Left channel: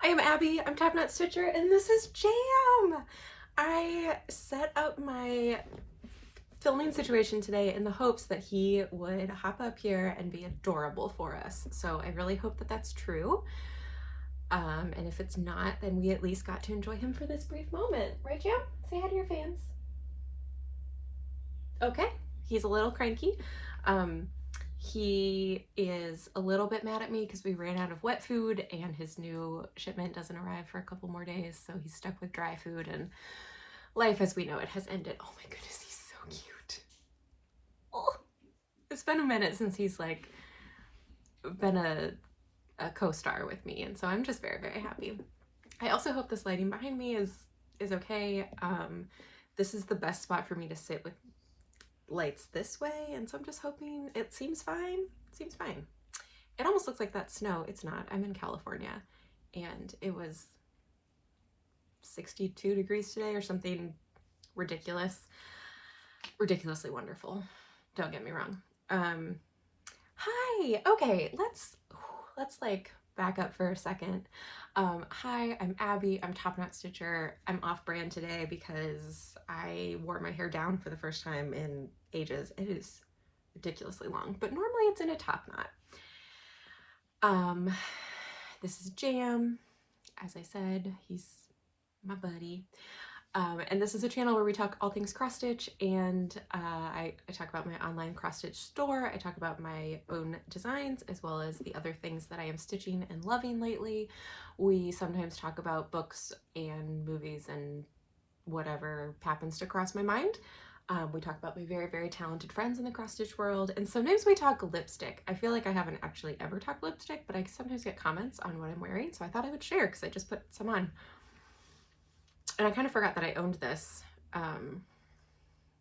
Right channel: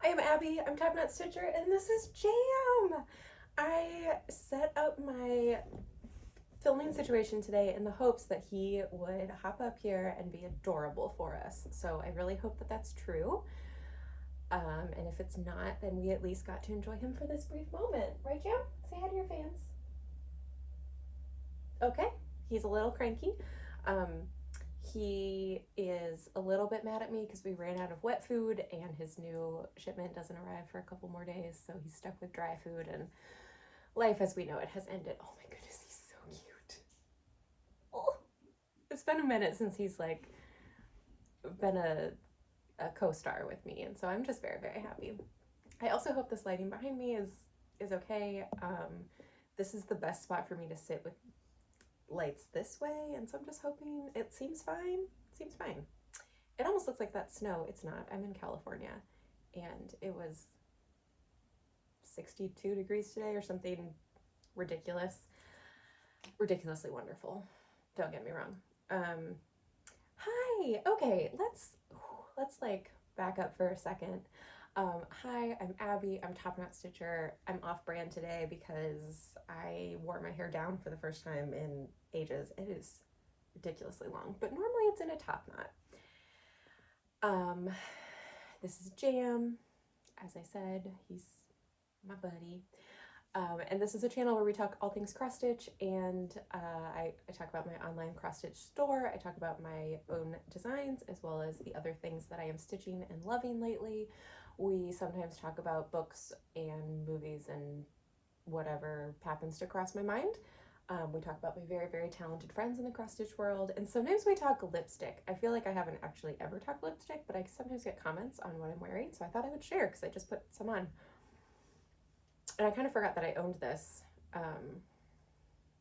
I am Abby, I'm TopKnot Stitcher, and this is Jam! I set up my filming situation today in the hopes that he would hop up here and be adorable for us. So I really hope that that's true. And if it's not, then we at least got to enjoy him for this brief moment. Right, Jam? Say hi to your fans. Okay, he's a little cranky. He is a little bit mad at me because we ran out of wet food and his new shipment doesn't arrive for a couple more days, so he's stuck with dry food and life as we know it has ended. Oh my goodness, he's so cute. Oh, it's been a minute since he's like been a co-star with me, and so I'm just very, very happy. I also hope this lighting behind me is okay. This is the best spot for me to sit with lights this way, and so I'm just hoping it seems fine. It seems fine. It almost looks like that snow. It's not. I'm in California, and it was 62 degrees today or something ridiculous. Ridiculously wonderful. Don't get me wrong. Hi. Okay, let's like back up for a second. Hi, I'm Abby. I'm TopKnot Stitcher. I'm off-brand today because I wore my hair down for the first time in ages. It is ridiculously long, but normally it's in a top knot. This is Jam. As I said, he's my buddy. And this is a channel where we talk all things cross stitch, and I talk about my online cross stitch store. I talk about my own designs as well as the other things that I am stitching and loving lately. We sometimes talk about books and movies and whatever happens to cross my mind. We talk about my very, very talented friends in the cross stitch world, and sometimes we talk lipstick. I feel like I haven't actually ever talked lipstick, but I sometimes get comments on what I'm wearing, so I thought I would share because I just put some on. And I kind of forgot that I owned this,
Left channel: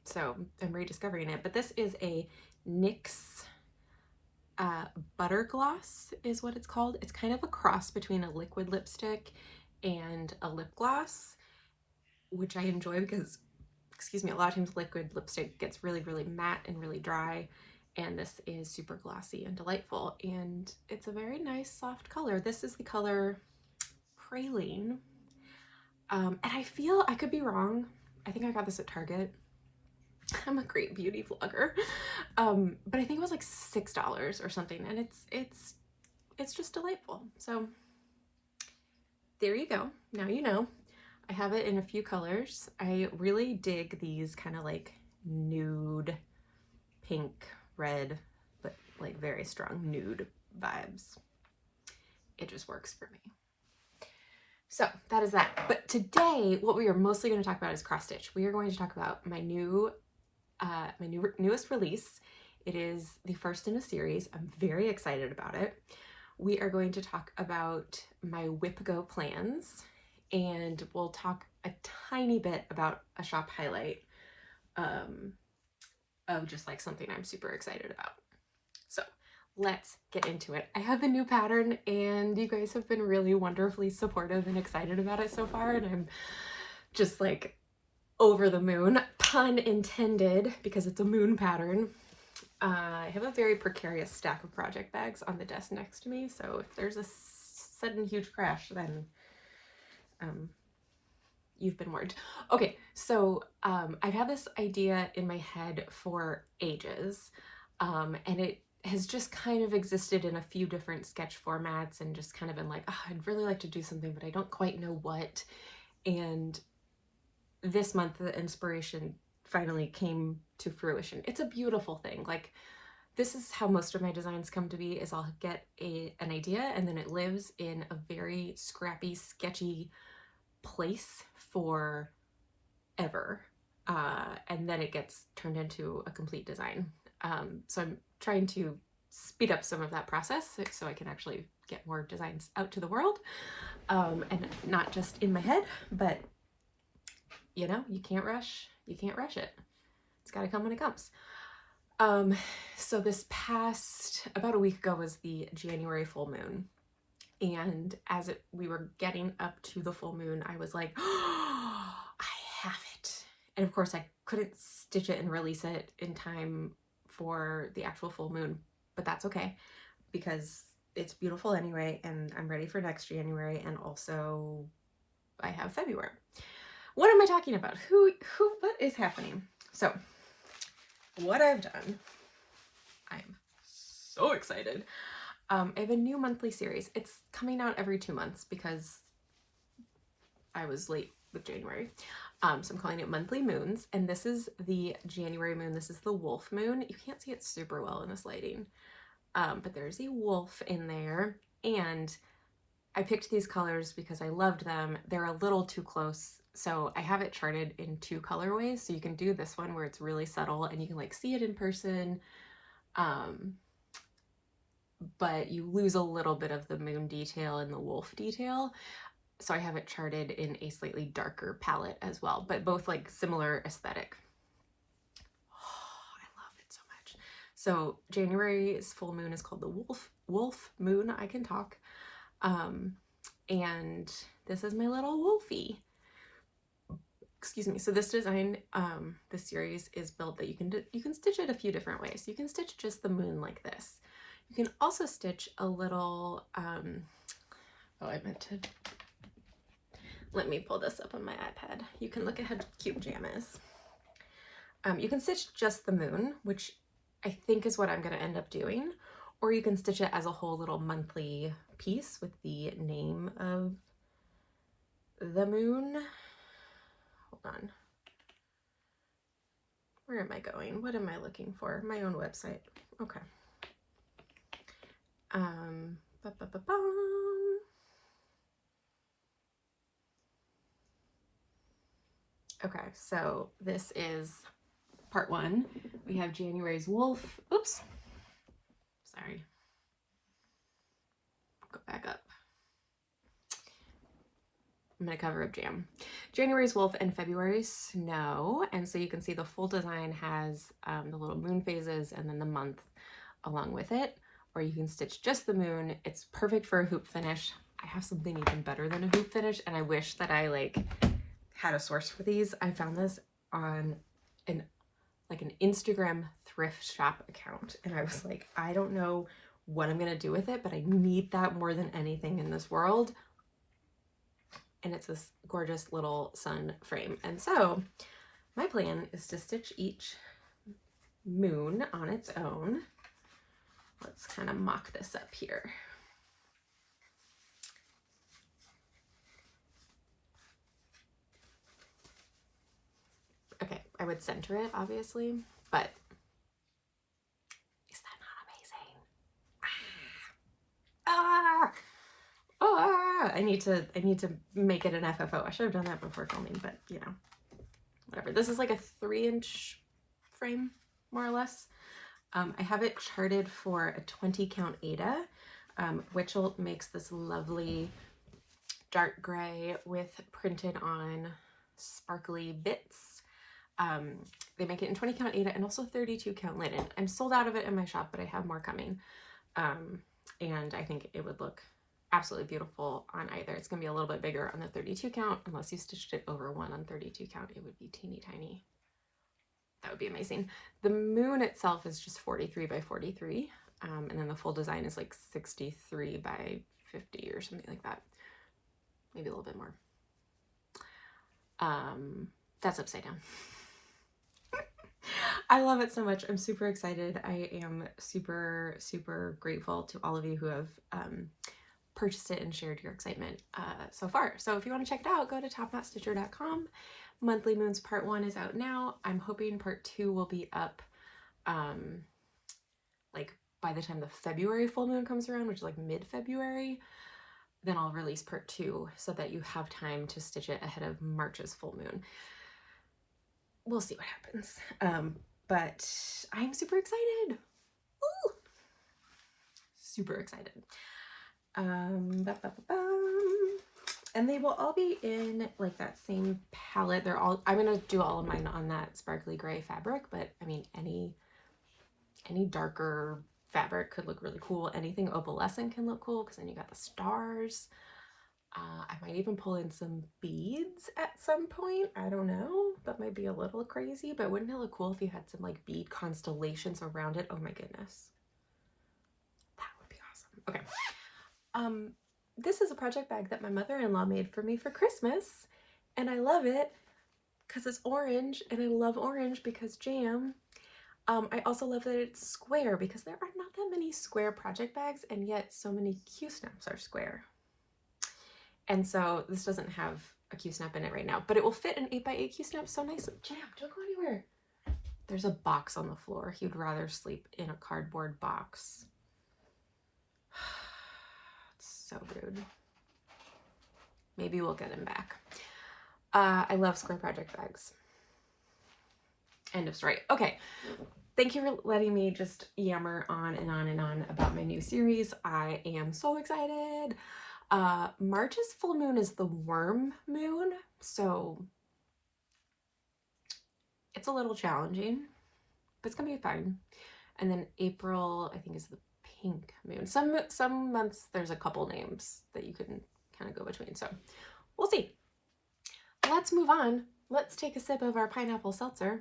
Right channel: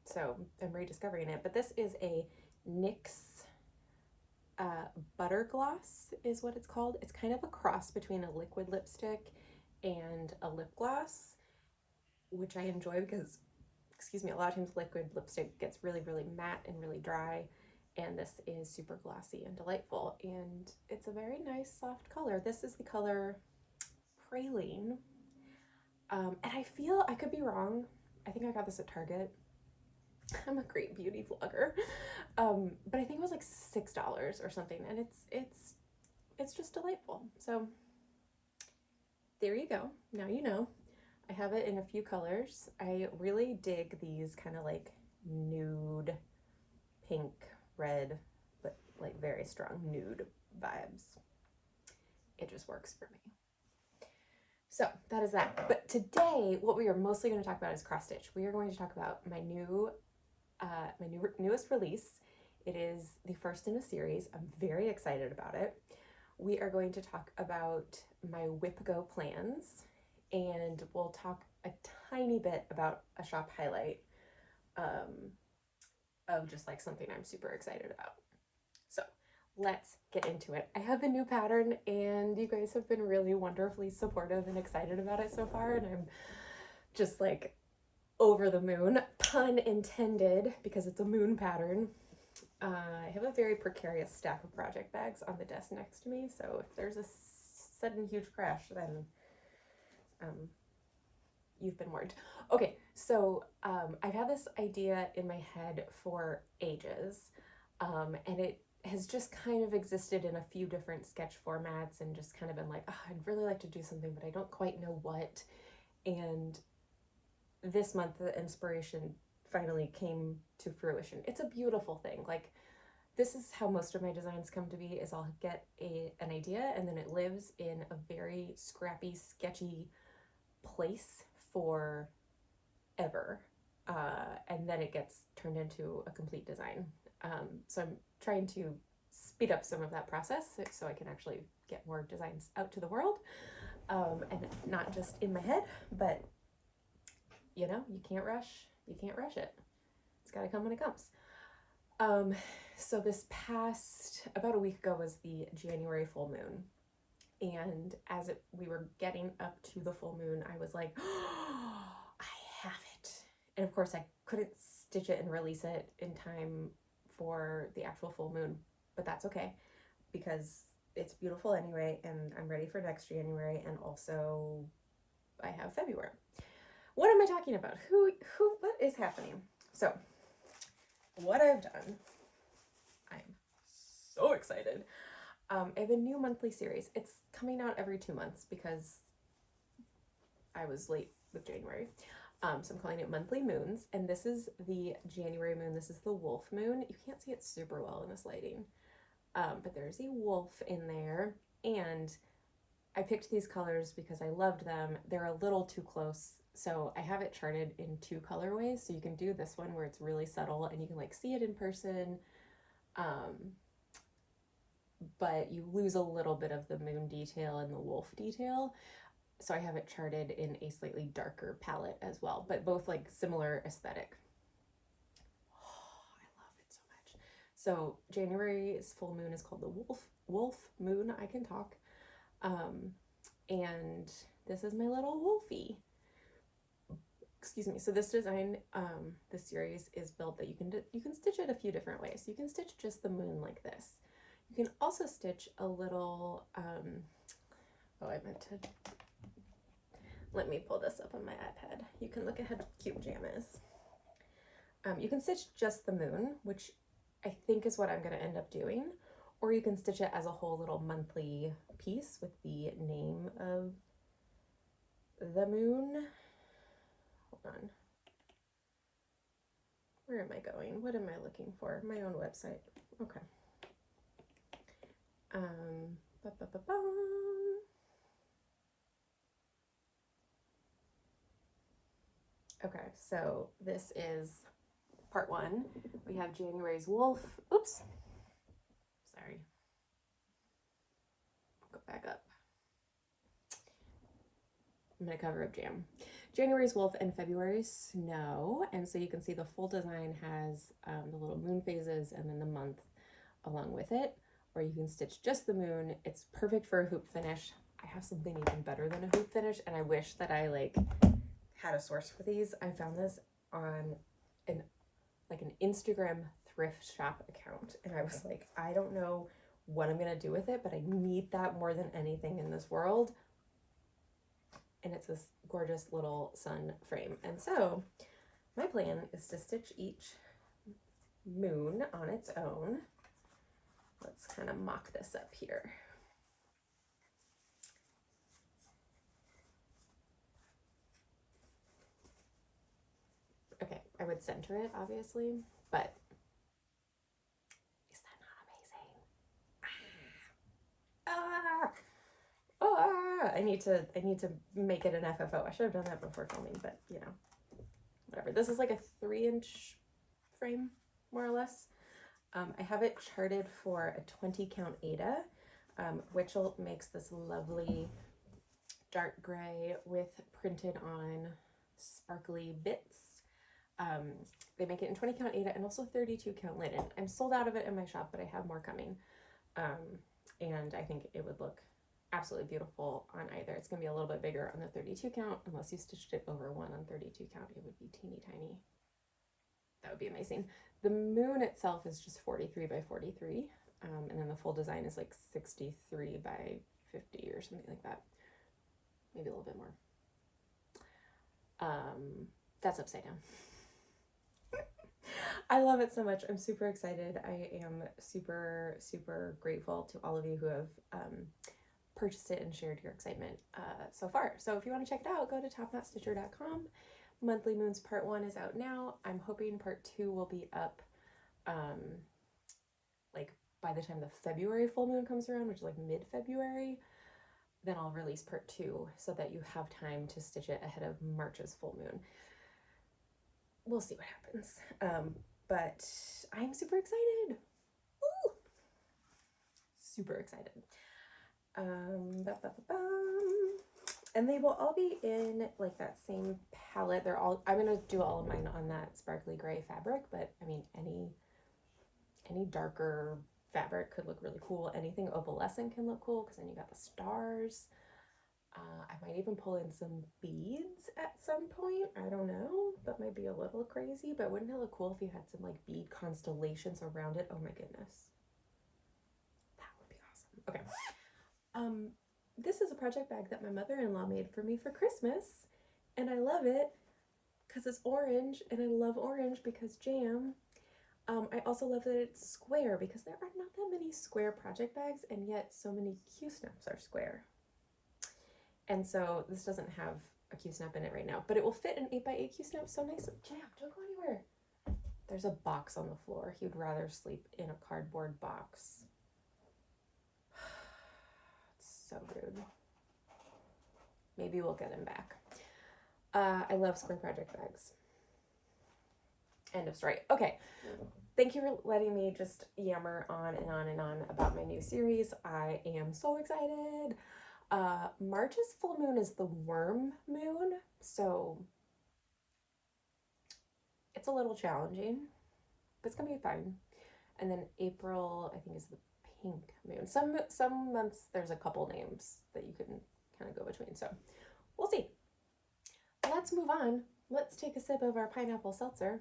so I'm rediscovering it. But this is a NYX Butter Gloss is what it's called. It's kind of a cross between a liquid lipstick and a lip gloss, which I enjoy because, excuse me, a lot of times liquid lipstick gets really, really matte and really dry, and this is super glossy and delightful, and it's a very nice soft color. This is the color Praline. And I feel, I could be wrong, I think I got this at Target. I'm a great beauty vlogger. But I think it was like $6 or something, and it's just delightful. So there you go. Now you know. I have it in a few colors. I really dig these kind of like nude, pink, red, but like very strong nude vibes. It just works for me. So that is that. But today, what we are mostly going to talk about is cross stitch. We are going to talk about my newest release. It is the first in a series. I'm very excited about it. We are going to talk about my WIPGO plans, and we'll talk a tiny bit about a shop highlight of just like something I'm super excited about. So let's get into it. I have a new pattern, and you guys have been really wonderfully supportive and excited about it so far, and I'm just like over the moon, pun intended, because it's a moon pattern. I have a very precarious stack of project bags on the desk next to me, so if there's a sudden huge crash, then you've been warned. Okay, so I've had this idea in my head for ages, and it has just kind of existed in a few different sketch formats and just kind of been like, oh, I'd really like to do something, but I don't quite know what. And this month, the inspiration finally came to fruition. It's a beautiful thing. Like, this is how most of my designs come to be, is I'll get an idea and then it lives in a very scrappy, sketchy place for ever. And then it gets turned into a complete design. So I'm trying to speed up some of that process so I can actually get more designs out to the world, and not just in my head, but you know, you can't rush it. It's got to come when it comes. So this past, about a week ago, was the January full moon. And as we were getting up to the full moon, I was like, oh, I have it. And of course I couldn't stitch it and release it in time for the actual full moon, but that's okay because it's beautiful anyway, and I'm ready for next January, and also I have February. What am I talking about? What is happening? So, what I've done, I'm so excited. I have a new monthly series. It's coming out every 2 months because I was late with January. So I'm calling it Monthly Moons, and this is the January moon. This is the wolf moon. You can't see it super well in this lighting, but there's a wolf in there, and I picked these colors because I loved them. They're a little too close, so I have it charted in 2 colorways, so you can do this one where it's really subtle and you can like see it in person, but you lose a little bit of the moon detail and the wolf detail. So I have it charted in a slightly darker palette as well, but both like similar aesthetic. Oh, I love it so much. So January's full moon is called the wolf moon. I can talk. And this is my little wolfie. Excuse me. So this design, this series is built that you can stitch it a few different ways. You can stitch just the moon like this. You can also stitch a little, oh, I meant to, let me pull this up on my iPad. You can look at how cute Jam is. You can stitch just the moon, which I think is what I'm going to end up doing, or you can stitch it as a whole little monthly piece with the name of the moon. Hold on. Where am I going? What am I looking for? My own website. Okay. Okay, so this is part 1. We have January's wolf. Oops. Sorry. Go back up. I'm going to cover up Jam. January's wolf and February's snow. And so you can see the full design has the little moon phases and then the month along with it. Or you can stitch just the moon. It's perfect for a hoop finish. I have something even better than a hoop finish, and I wish that I like had a source for these. I found this on an Instagram thrift shop account, and I was like, I don't know what I'm gonna do with it, but I need that more than anything in this world. And it's this gorgeous little sun frame. And so my plan is to stitch each moon on its own. Let's kind of mock this up here. Okay, I would center it obviously, but is that not amazing? I need to make it an FFO. I should have done that before filming, but you know, whatever. This is like a 3-inch frame, more or less. I have it charted for a 20 count Aida, which makes this lovely dark gray with printed on sparkly bits. They make it in 20 count Aida and also 32 count linen. I'm sold out of it in my shop, but I have more coming. And I think it would look absolutely beautiful on either. It's gonna be a little bit bigger on the 32 count. Unless you stitched it over one on 32 count, it would be teeny tiny. That would be amazing. The moon itself is just 43 by 43, and then the full design is like 63 by 50 or something like that. Maybe a little bit more. That's upside down. I love it so much. I'm super excited. I am super, super grateful to all of you who have purchased it and shared your excitement so far. So if you want to check it out, go to TopKnotStitcher.com. Monthly Moons Part 1 is out now. I'm hoping Part 2 will be up like by the time the February full moon comes around, which is like mid-February. Then I'll release Part 2 so that you have time to stitch it ahead of March's full moon. We'll see what happens. But I'm super excited. Ooh. Super excited. And they will all be in like that same palette. They're all, I'm gonna do all of mine on that sparkly gray fabric, but I mean any darker fabric could look really cool. Anything opalescent can look cool because then you got the stars. I might even pull in some beads at some point. I don't know. That might be a little crazy, but wouldn't it look cool if you had some like bead constellations around it? Oh my goodness. That would be awesome. Okay. Um, this is a project bag that my mother-in-law made for me for Christmas, and I love it because it's orange, and I love orange because jam. I also love that it's square because there are not that many square project bags, and yet so many Q-snaps are square. And so this doesn't have a Q-snap in it right now, but it will fit an 8x8 Q-snap so nicely. Jam, don't go anywhere. There's a box on the floor. He'd rather sleep in a cardboard box. It's so rude. Maybe we'll get him back. I love square project bags. End of story. Okay. Thank you for letting me just yammer on and on and on about my new series. I am so excited. March's full moon is the worm moon, so it's a little challenging, but it's gonna be fine. And then April, I think, is the pink moon. Some months there's a couple names that you can kind of go between, so we'll see. Let's move on. Let's take a sip of our pineapple seltzer.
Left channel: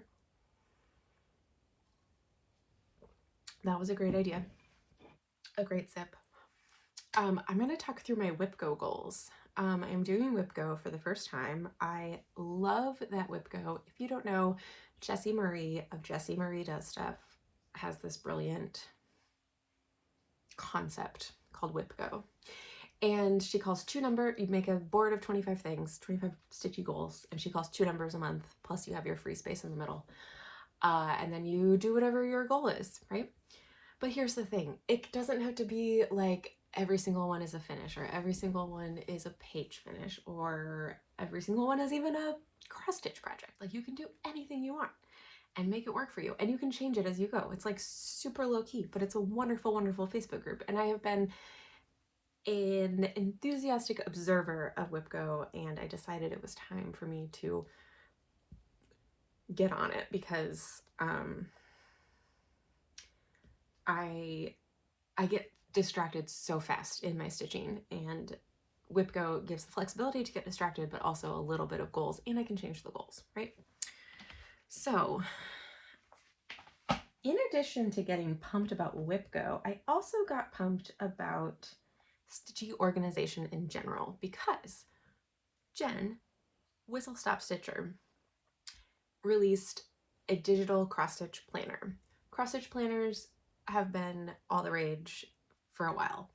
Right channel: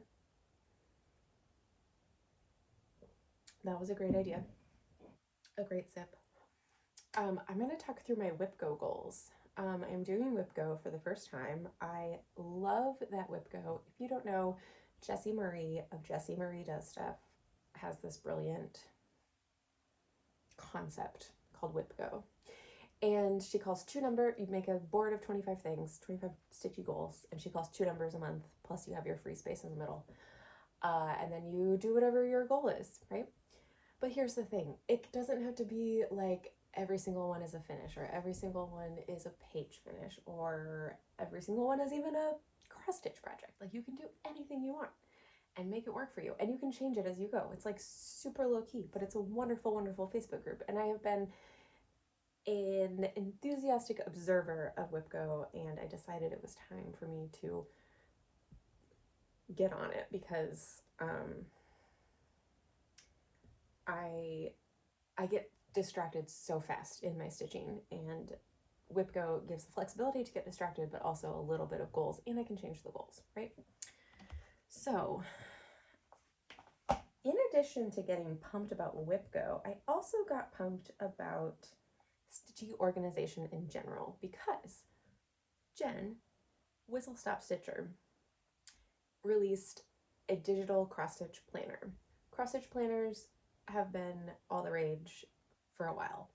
That was a great idea. A great sip. I'm going to talk through my WIPGO goals. I'm doing WIPGO for the first time. I love that WIPGO. If you don't know, Jessie Marie of Jessie Marie Does Stuff has this brilliant concept called WIPGO. And she calls you make a board of 25 things, 25 stitchy goals, and she calls 2 numbers a month, plus you have your free space in the middle. And then you do whatever your goal is, right? But here's the thing, it doesn't have to be like every single one is a finish, or every single one is a page finish, or every single one is even a cross stitch project. Like, you can do anything you want and make it work for you, and you can change it as you go. It's like super low key, but it's a wonderful, wonderful Facebook group, and I have been an enthusiastic observer of WIPGO, and I decided it was time for me to get on it because I get distracted so fast in my stitching, and WIPGO gives the flexibility to get distracted, but also a little bit of goals, and I can change the goals, right? So in addition to getting pumped about WIPGO, I also got pumped about stitchy organization in general, because Jen, Whistle Stop Stitcher, released a digital cross-stitch planner. Cross-stitch planners have been all the rage for a while.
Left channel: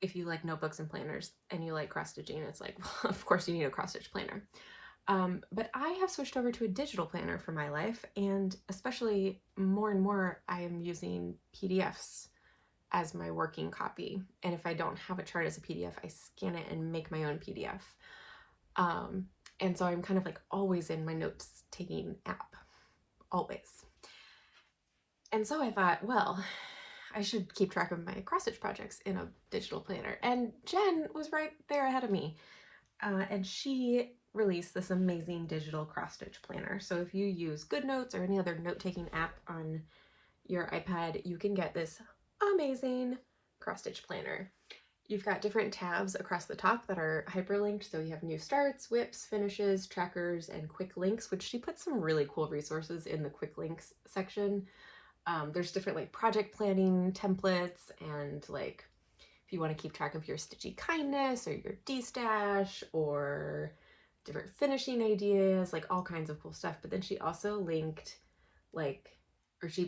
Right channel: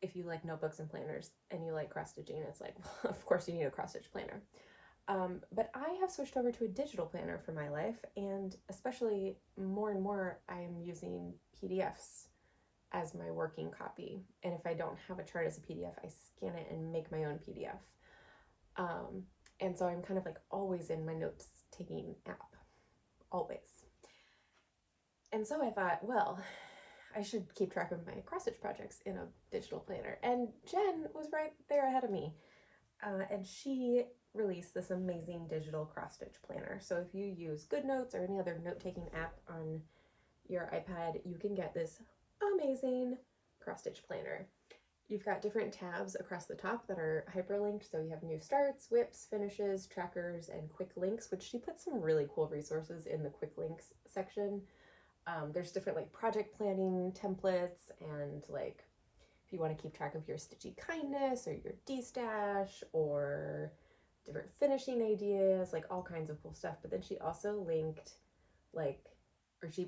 If you like notebooks and planners and you like cross-stitching, it's like, well, of course you need a cross-stitch planner. But I have switched over to a digital planner for my life, and especially more and more I am using PDFs as my working copy. And if I don't have a chart as a PDF, I scan it and make my own PDF. And so I'm kind of like always in my notes taking app, always. And so I thought, well, I should keep track of my cross-stitch projects in a digital planner. And Jen was right there ahead of me. And she released this amazing digital cross-stitch planner. So if you use GoodNotes or any other note-taking app on your iPad, you can get this amazing cross-stitch planner. You've got different tabs across the top that are hyperlinked. So you have new starts, whips, finishes, trackers, and quick links, which she put some really cool resources in the quick links section. There's different like project planning templates, and like if you want to keep track of your stitchy kindness or your D-stash or different finishing ideas, like all kinds of cool stuff. But then she also linked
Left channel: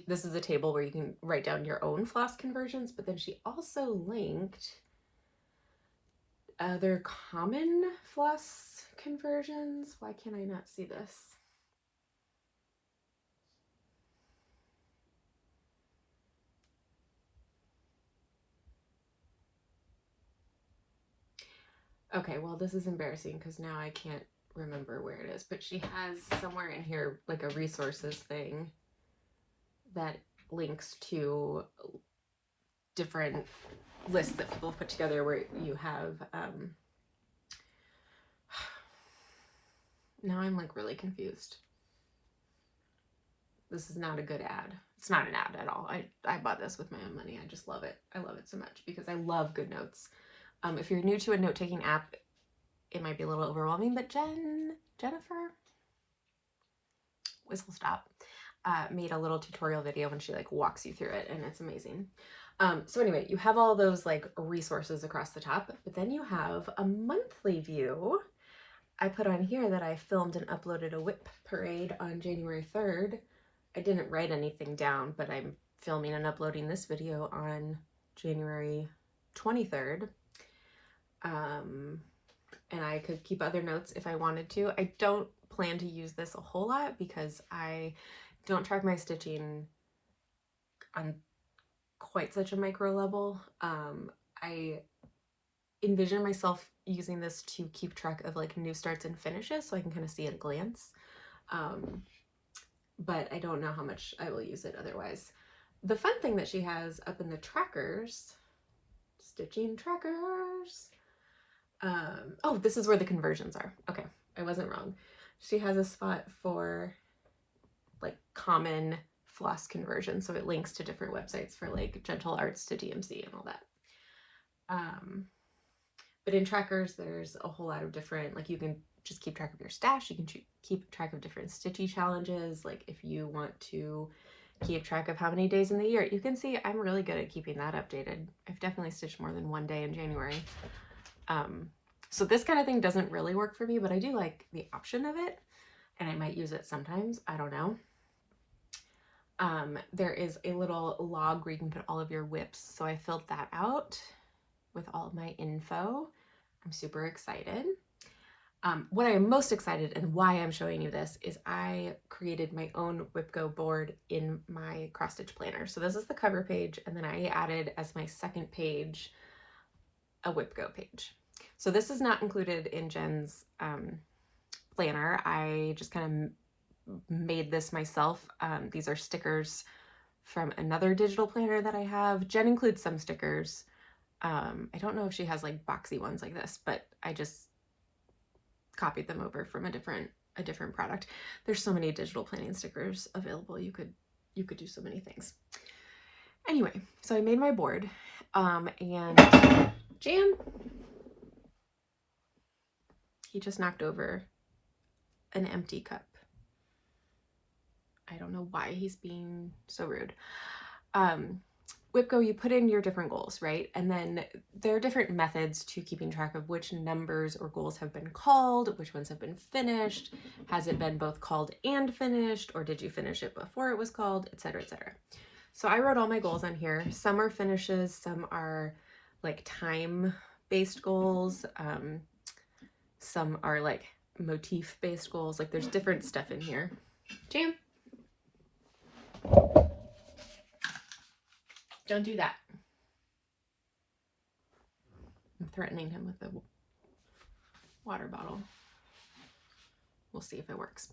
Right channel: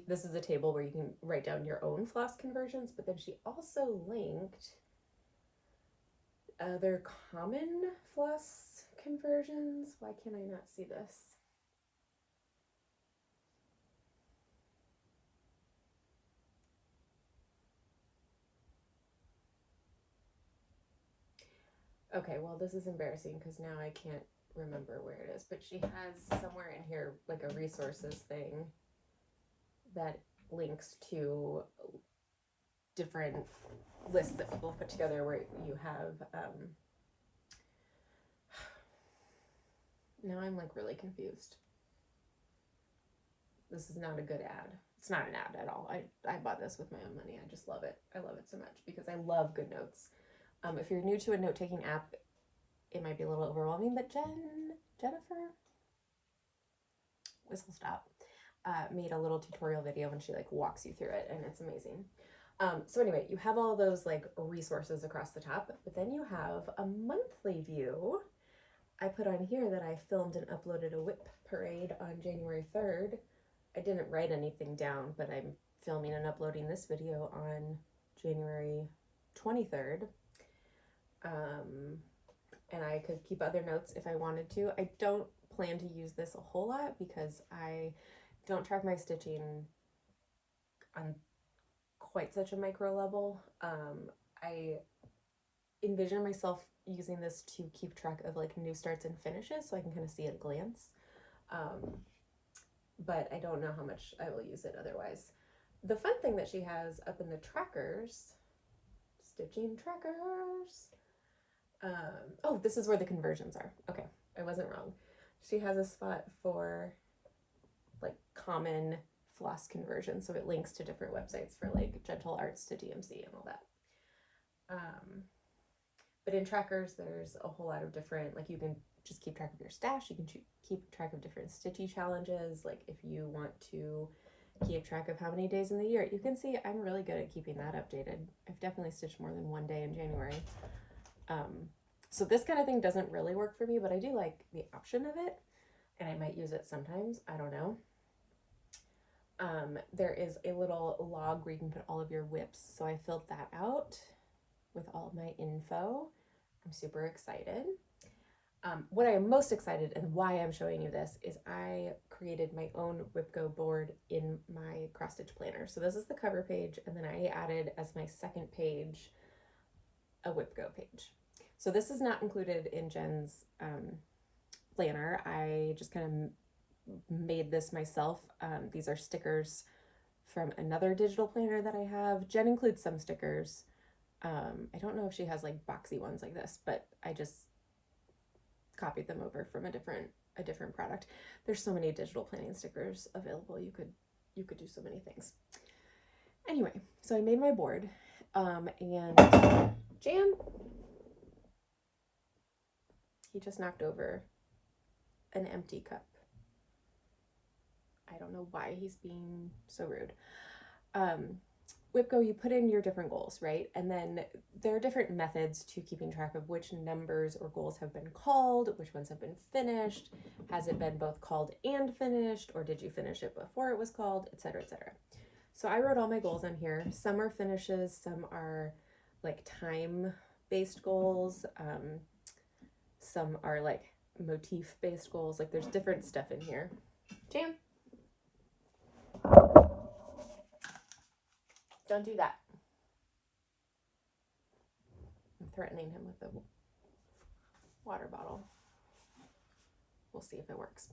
this is a table where you can write down your own floss conversions, but then she also linked other common floss conversions. Why can't I not see this? Okay, well, this is embarrassing because now I can't remember where it is, but she has somewhere in here like a resources thing that links to different lists that people have put together where you have now I'm like really confused. This is not a good ad. It's not an ad at all. I bought this with my own money. I just love it. I love it so much because I love GoodNotes. If you're new to a note-taking app, it might be a little overwhelming, but Jennifer Whistle Stop made a little tutorial video and she like walks you through it, and it's amazing. So anyway, you have all those like resources across the top, but then you have a monthly view. I put on here that I filmed and uploaded a WIP parade on January 3rd. I didn't write anything down, but I'm filming and uploading this video on January 23rd. And I could keep other notes if I wanted to. I don't plan to use this a whole lot because I don't track my stitching on quite such a micro level. I envision myself using this to keep track of like new starts and finishes so I can kind of see at a glance. But I don't know how much I will use it otherwise. The fun thing that she has up in the trackers, stitching trackers. Oh, this is where the conversions are. Okay, I wasn't wrong. She has a spot for like common floss conversion, so it links to different websites for like Gentle Arts to DMC and all that. But in trackers, there's a whole lot of different, like you can just keep track of your stash, you can keep track of different stitchy challenges, like if you want to keep track of how many days in the year. You can see I'm really good at keeping that updated. I've definitely stitched more than one day in January. So this kind of thing doesn't really work for me, but I do like the option of it, and I might use it sometimes. I don't know. There is a little log where you can put all of your WIPs, so I filled that out with all of my info. I'm super excited. What I am most excited and why I'm showing you this is I created my own WIPGO board in my cross stitch planner. So this is the cover page, and then I added as my second page a WIPGO page. So this is not included in Jen's planner. I just kind of made this myself. These are stickers from another digital planner that I have. Jen includes some stickers. I don't know if she has like boxy ones like this, but I just copied them over from a different product. There's so many digital planning stickers available. You could do so many things. Anyway, so I made my board, and Jan, he just knocked over an empty cup. I don't know why he's being so rude. WIPGO, you put in your different goals, right? And then there are different methods to keeping track of which numbers or goals have been called, which ones have been finished. Has it been both called and finished, or did you finish it before it was called, etc., etc. So I wrote all my goals on here. Some are finishes, some are like time-based goals. Some are like motif-based goals. Like there's different stuff in here. Jam. Don't do that. I'm threatening him with the water bottle. We'll see if it works.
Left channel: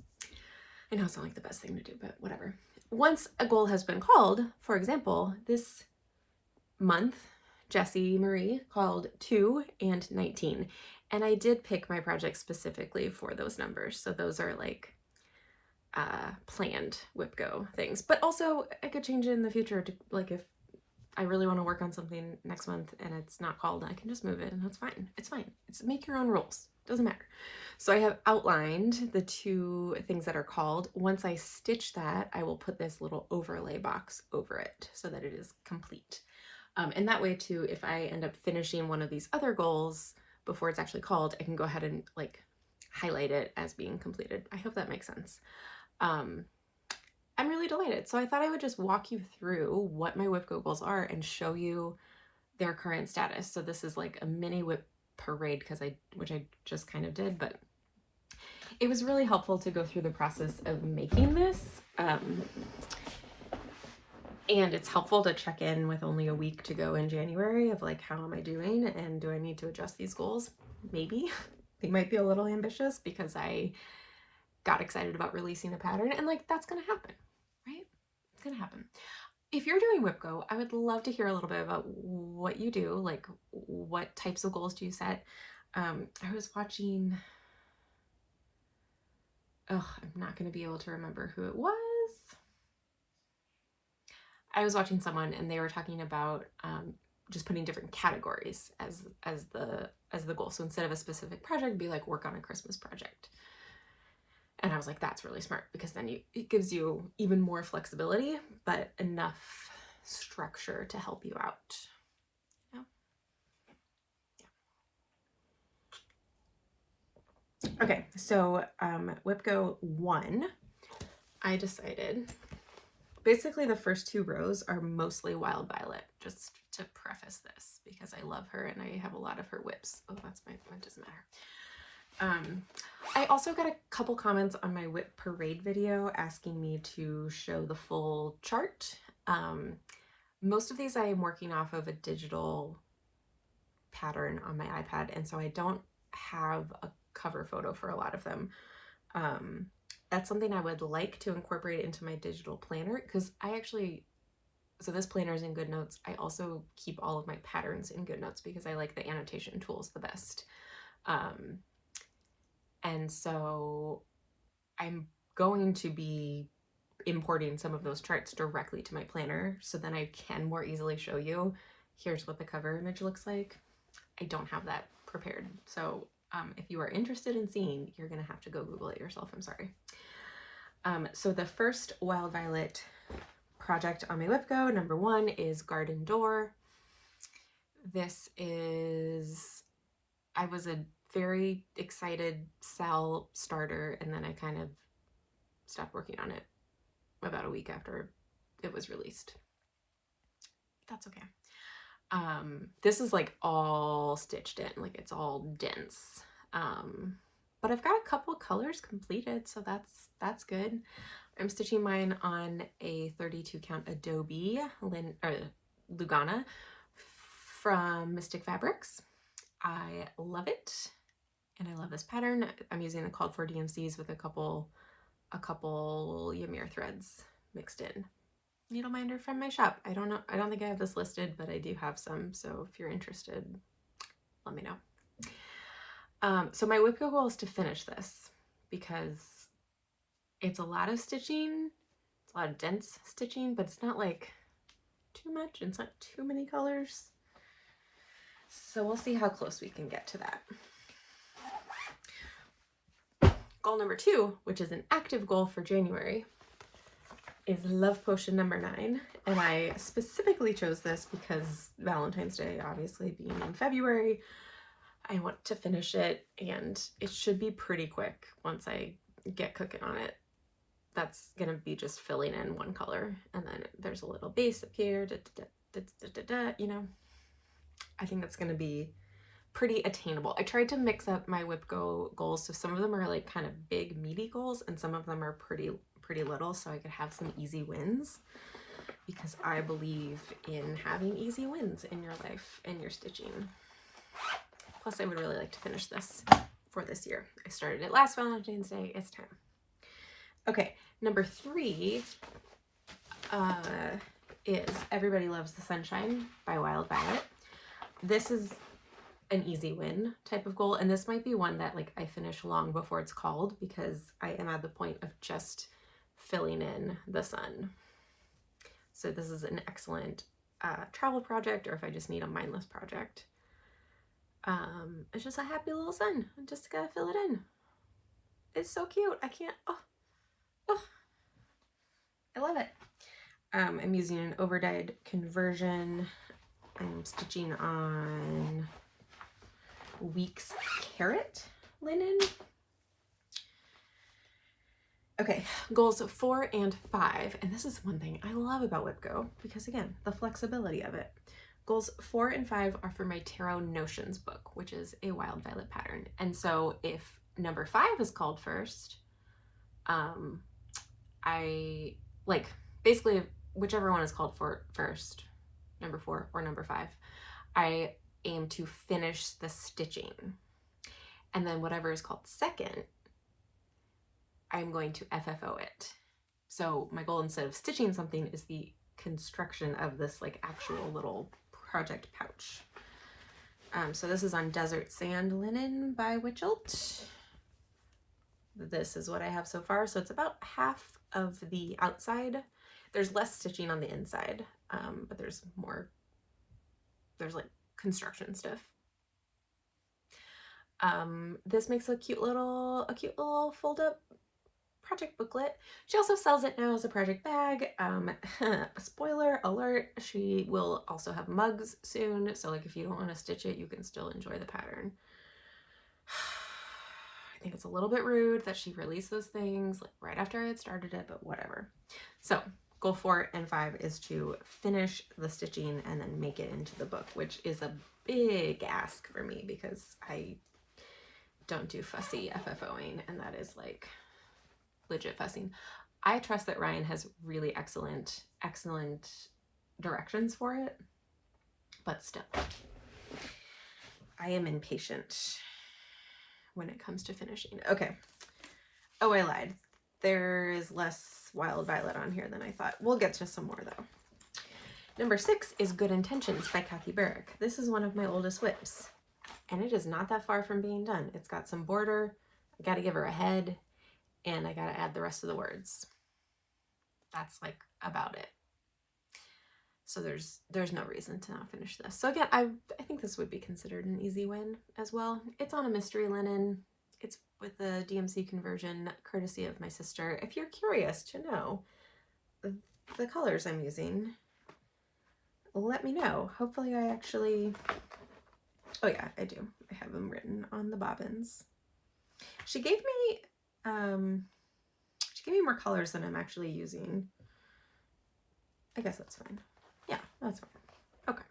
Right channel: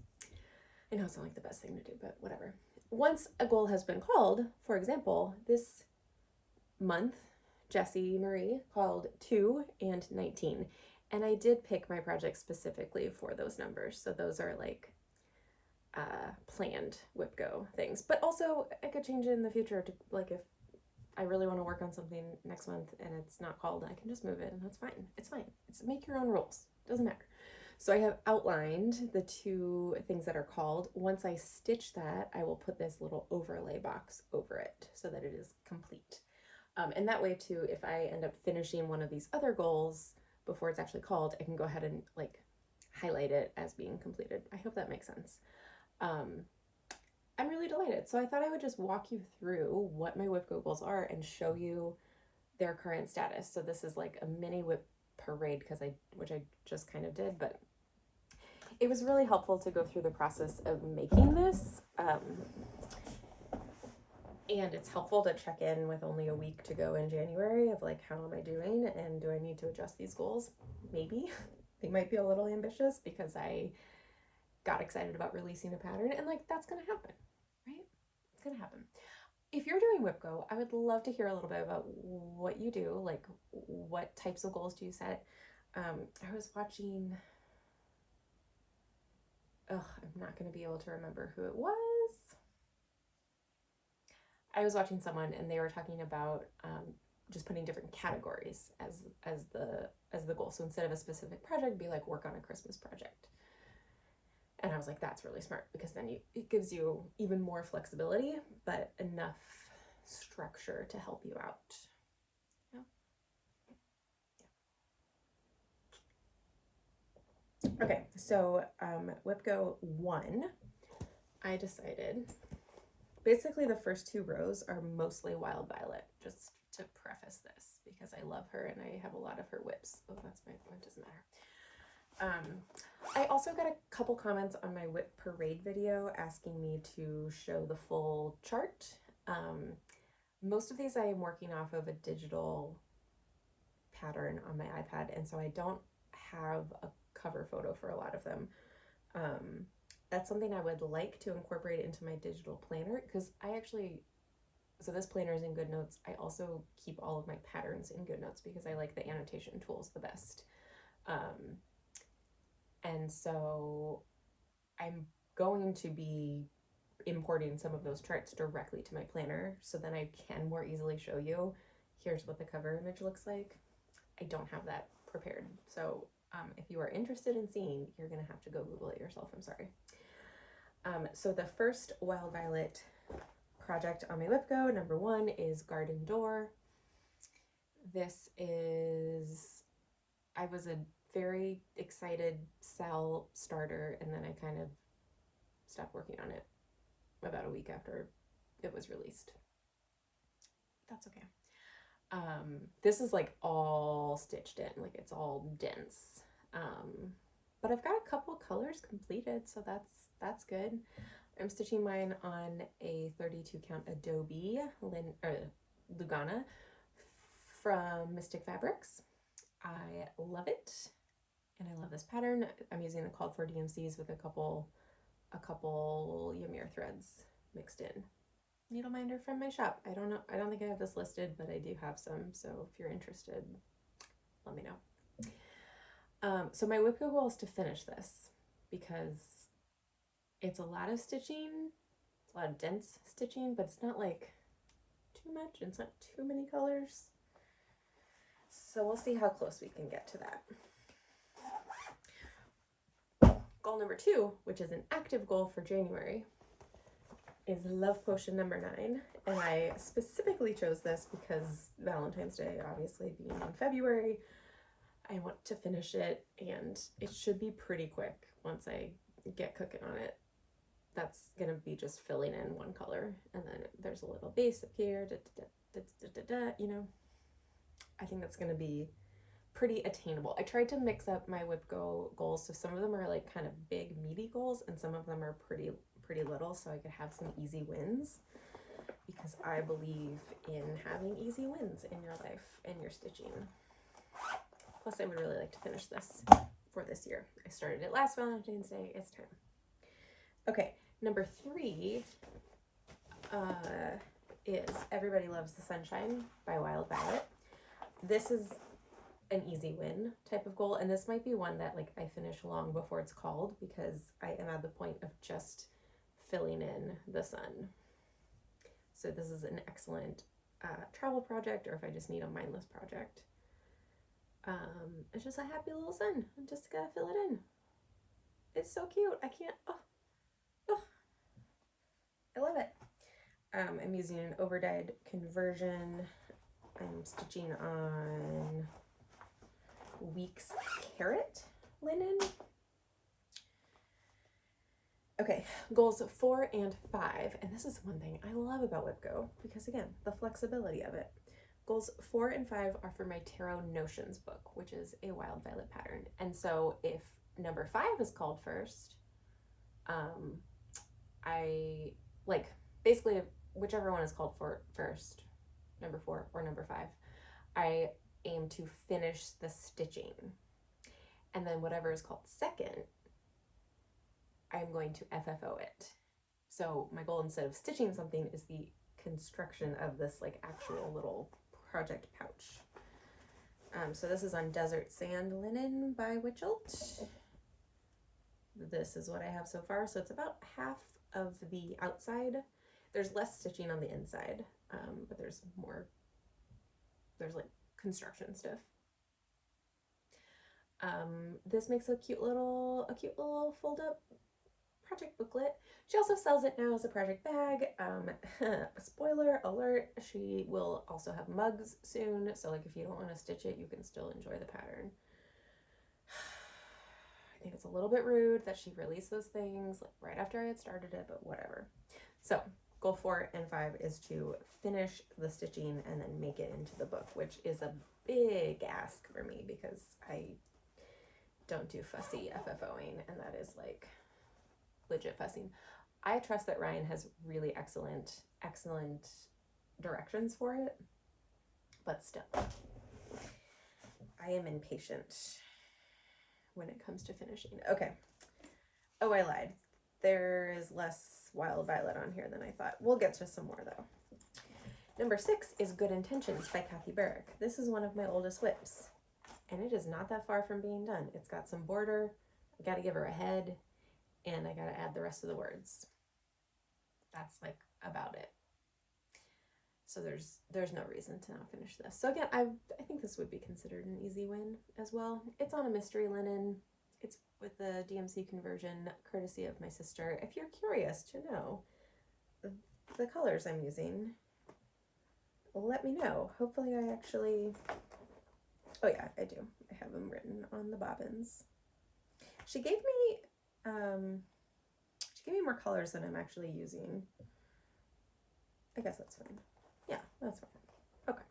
I know it's not like the best thing to do, but whatever. Once a goal has been called, for example, this month, Jessie Marie called 2 and 19. And I did pick my project specifically for those numbers. So those are like planned WIPGO things. But also I could change it in the future to like if I really want to work on something next month and it's not called, I can just move it and that's fine. It's fine. It's make your own rules. Doesn't matter. So I have outlined the 2 things that are called. Once I stitch that, I will put this little overlay box over it so that it is complete. And that way too, if I end up finishing one of these other goals before it's actually called, I can go ahead and like highlight it as being completed. I hope that makes sense. I'm really delighted. So I thought I would just walk you through what my WIPGO goals are and show you their current status. So this is like a mini WIP parade which I just kind of did, but it was really helpful to go through the process of making this. And it's helpful to check in with only a week to go in January of like, how am I doing? And do I need to adjust these goals? Maybe. They might be a little ambitious because I got excited about releasing a pattern, and like that's gonna happen, right? It's gonna happen. If you're doing WIPGO, I would love to hear a little bit about what you do, like what types of goals do you set? I was watching, I'm not gonna be able to remember who it was. I was watching someone and they were talking about just putting different categories as the goal. So instead of a specific project, be like work on a Christmas project. And I was like, that's really smart because then it gives you even more flexibility, but enough structure to help you out. Yeah. Okay, so WIPGO 1, I decided, basically the first 2 rows are mostly Wild Violet, just to preface this, because I love her and I have a lot of her whips. Oh, that's my, that doesn't matter. I also got a couple comments on my whip parade video asking me to show the full chart. Most of these I am working off of a digital pattern on my iPad, and so I don't have a cover photo for a lot of them. That's something I would like to incorporate into my digital planner, because so this planner is in GoodNotes. I also keep all of my patterns in GoodNotes because I like the annotation tools the best. And so I'm going to be importing some of those charts directly to my planner, so then I can more easily show you, here's what the cover image looks like. I don't have that prepared. So if you are interested in seeing, you're gonna have to go Google it yourself, I'm sorry. So the first Wild Violet project on my WIPGO, number 1, is Garden Door. This is, I was a very excited Sal starter, and then I kind of stopped working on it about a week after it was released. That's okay. This is like all stitched in, like it's all dense. But I've got a couple colors completed, so that's good. I'm stitching mine on a 32 count Adobe Lugana from Mystic Fabrics. I love it, and I love this pattern. I'm using the called for DMCs with a couple Ymir threads mixed in. Needleminder from my shop. I don't think I have this listed, but I do have some, so if you're interested, let me know. So my WIPGO goal is to finish this, because it's a lot of stitching, it's a lot of dense stitching, but it's not like too much, it's not too many colors. So we'll see how close we can get to that. Goal number 2, which is an active goal for January, is Love Potion number 9, and I specifically chose this because Valentine's Day obviously being in February, I want to finish it, and it should be pretty quick once I get cooking on it. That's gonna be just filling in 1 color, and then there's a little base up here, you know. I think that's gonna be pretty attainable. I tried to mix up my WIPGO goals, so some of them are like kind of big meaty goals, and some of them are pretty little, so I could have some easy wins, because I believe in having easy wins in your life and your stitching. Plus, I would really like to finish this for this year. I started it last Valentine's Day. It's time. Okay, number 3 is Everybody Loves the Sunshine by Wild Violet. This is an easy win type of goal, and this might be one that like I finish long before it's called, because I am at the point of just filling in the sun. So this is an excellent travel project, or if I just need a mindless project. It's just a happy little sun. I just gotta fill it in. It's so cute. I can't, I love it. I'm using an overdyed conversion. I'm stitching on Weeks Carrot linen. Okay, goals 4 and 5, and this is one thing I love about WIPGO, because again, the flexibility of it. Goals 4 and 5 are for my Tarot Notions book, which is a Wild Violet pattern. And so if number 5 is called first, I like basically whichever one is called for first, number 4 or number 5, I aim to finish the stitching. And then whatever is called second, I'm going to FFO it. So my goal, instead of stitching something, is the construction of this like actual little project pouch. So this is on Desert Sand Linen by Witchelt. This is what I have so far. So it's about half of the outside. There's less stitching on the inside, but there's more, there's like construction stuff. This makes a cute little fold up project booklet. She also sells it now as a project bag. Spoiler alert, she will also have mugs soon, so like if you don't want to stitch it, you can still enjoy the pattern. I think it's a little bit rude that she released those things like right after I had started it, but whatever. So goal 4 and 5 is to finish the stitching and then make it into the book, which is a big ask for me because I don't do fussy FFOing, and that is like legit fussing. I trust that Ryan has really excellent directions for it, but still, I am impatient when it comes to finishing. Okay. Oh, I lied. There is less Wild Violet on here than I thought. We'll get to some more though. Number 6 is Good Intentions by Kathy Barrick. This is one of my oldest WIPs, and it is not that far from being done. It's got some border. I gotta give her a head, and I gotta add the rest of the words. That's like about it. So there's no reason to not finish this. So again, I think this would be considered an easy win as well. It's on a mystery linen. It's with the DMC conversion, courtesy of my sister. If you're curious to know the colors I'm using, let me know. Hopefully I actually, oh yeah, I do. I have them written on the bobbins. She gave me more colors than I'm actually using. I guess that's fine. Yeah, that's fine. Okay.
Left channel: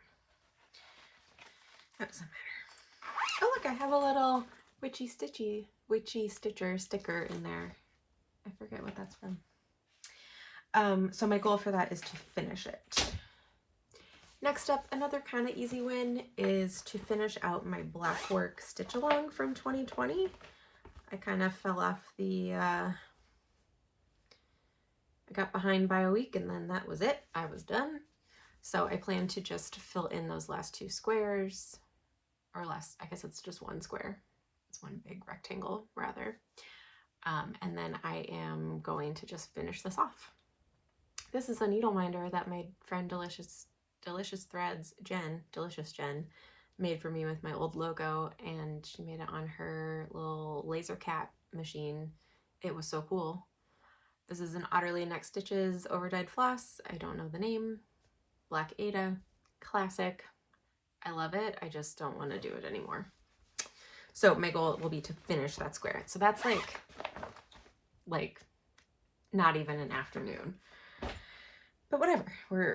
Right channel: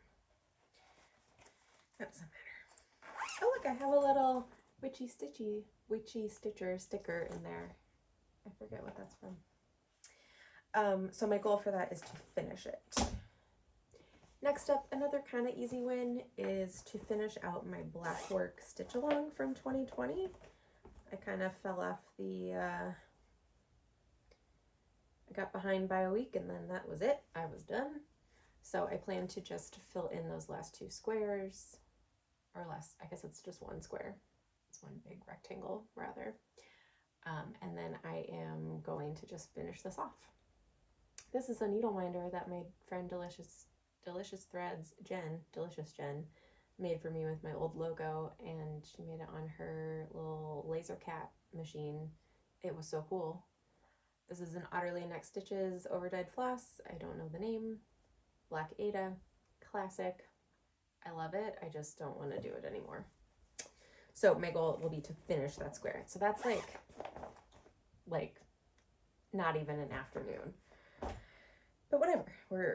That doesn't matter. Oh look, I have a little Witchy Stitcher sticker in there. I forget what that's from. So my goal for that is to finish it. Next up, another kind of easy win is to finish out my black work stitch along from 2020. I kind of fell off the, I got behind by a week and then that was it. I was done. So I plan to just fill in those last 2 squares, or less, I guess it's just 1 square. It's 1 big rectangle rather. And then I am going to just finish this off. This is a needle minder that my friend Delicious Threads, Delicious Jen, made for me with my old logo, and she made it on her little laser cat machine. It was so cool. This is an Otterly Neck Stitches overdyed floss. I don't know the name. Black Ada, classic. I love it. I just don't want to do it anymore. So my goal will be to finish that square. So that's like not even an afternoon. But whatever,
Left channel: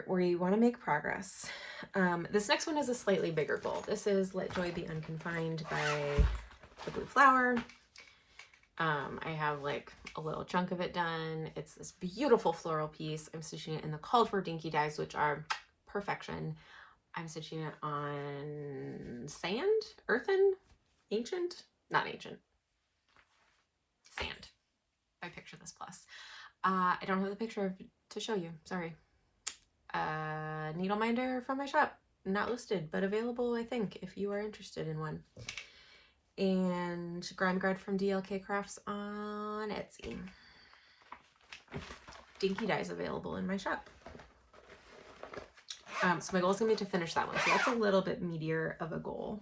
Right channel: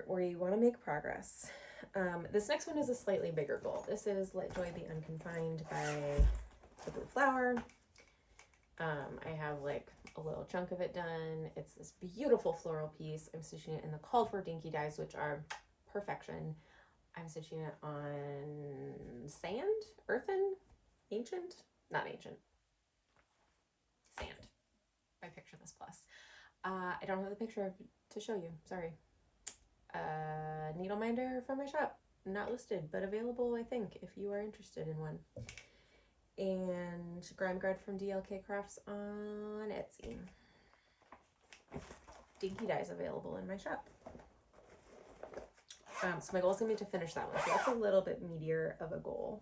we want to make progress. This next one is a slightly bigger goal. This is Let Joy Be Unconfined by the Blue Flower. I have like a little chunk of it done. It's this beautiful floral piece. I'm stitching it in the called for dinky dyes, which are perfection. I'm stitching it on sand, earthen, ancient, not ancient, sand by Picture This Plus. I don't have the picture to show you, sorry. Needle minder from my shop, not listed, but available, I think, if you are interested in one. And Grime Guard from DLK Crafts on Etsy. Dinky dyes available in my shop. So my goal is going to be to finish that one, so that's a little bit meatier of a goal.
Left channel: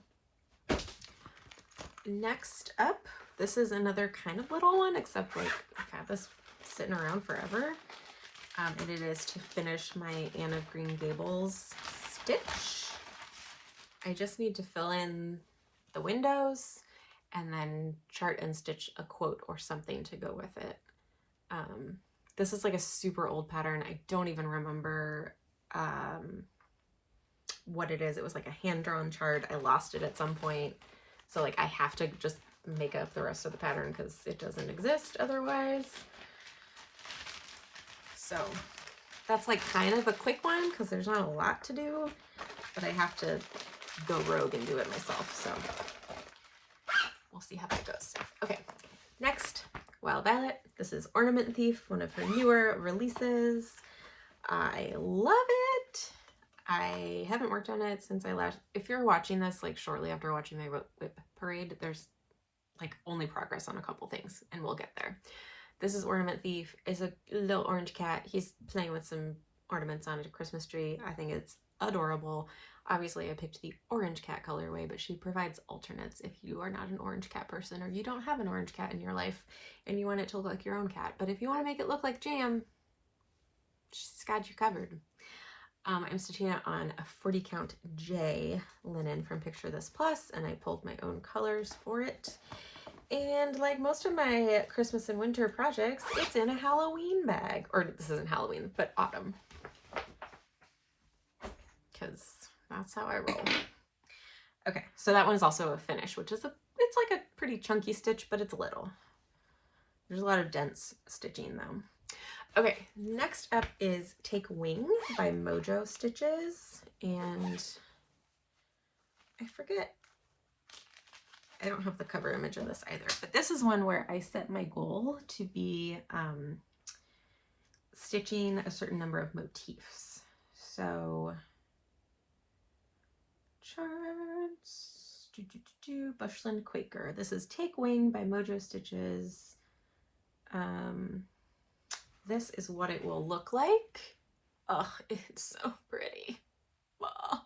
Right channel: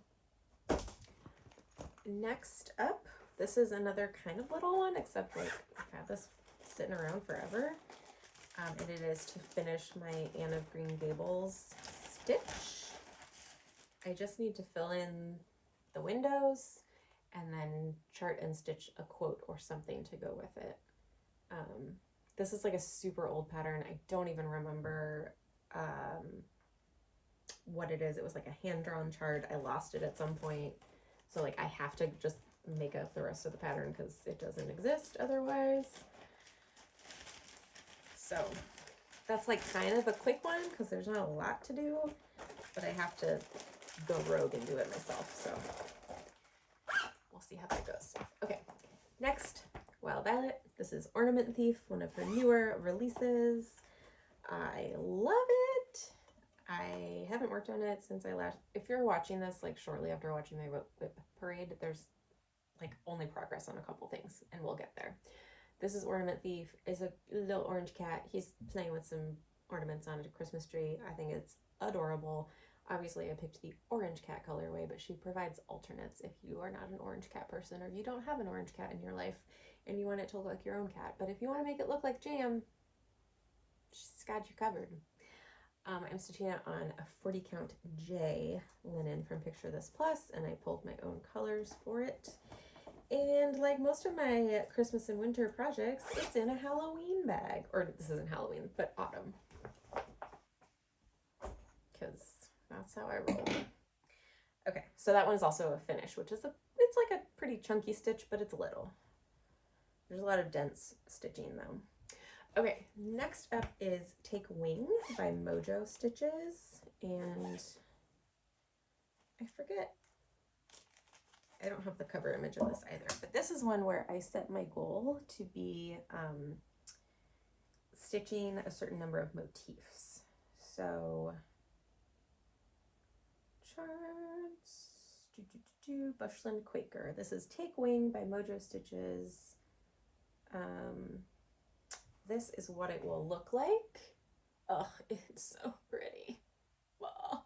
Next up, this is another kind of little one, except like I've had this sitting around forever. And it is to finish my Anne of Green Gables stitch. I just need to fill in the windows and then chart and stitch a quote or something to go with it. This is like a super old pattern. I don't even remember what it is. It was like a hand-drawn chart. I lost it at some point. So like I have to just make up the rest of the pattern because it doesn't exist otherwise. So that's like kind of a quick one because there's not a lot to do, but I have to go rogue and do it myself. So we'll see how that goes. Okay, next, Wild Violet. This is Ornament Thief, one of her newer releases. I love it. I haven't worked on it since I last, if you're watching this like shortly after watching my WIP parade, there's like only progress on a couple things and we'll get there. This is Ornament Thief. Is a little orange cat. He's playing with some ornaments on a Christmas tree. I think it's adorable. Obviously I picked the orange cat colorway, but she provides alternates if you are not an orange cat person or you don't have an orange cat in your life and you want it to look like your own cat. But if you want to make it look like jam, she's got you covered. I'm stitching it on a 40 count J linen from Picture This Plus, and I pulled my own colors for it. And like most of my Christmas and winter projects, it's in a Halloween bag. Or this isn't Halloween, but autumn. Because that's how I roll. Okay, so that one is also a finish, which is it's like a pretty chunky stitch, but it's little. There's a lot of dense stitching though. Okay, next up is Take Wing by Mojo Stitches, and I forget, I don't have the cover image of this either, but this is one where I set my goal to be stitching a certain number of motifs. So charts, Bushland Quaker. This is Take Wing by Mojo Stitches. This is what it will look like. Oh, it's so pretty. Wow.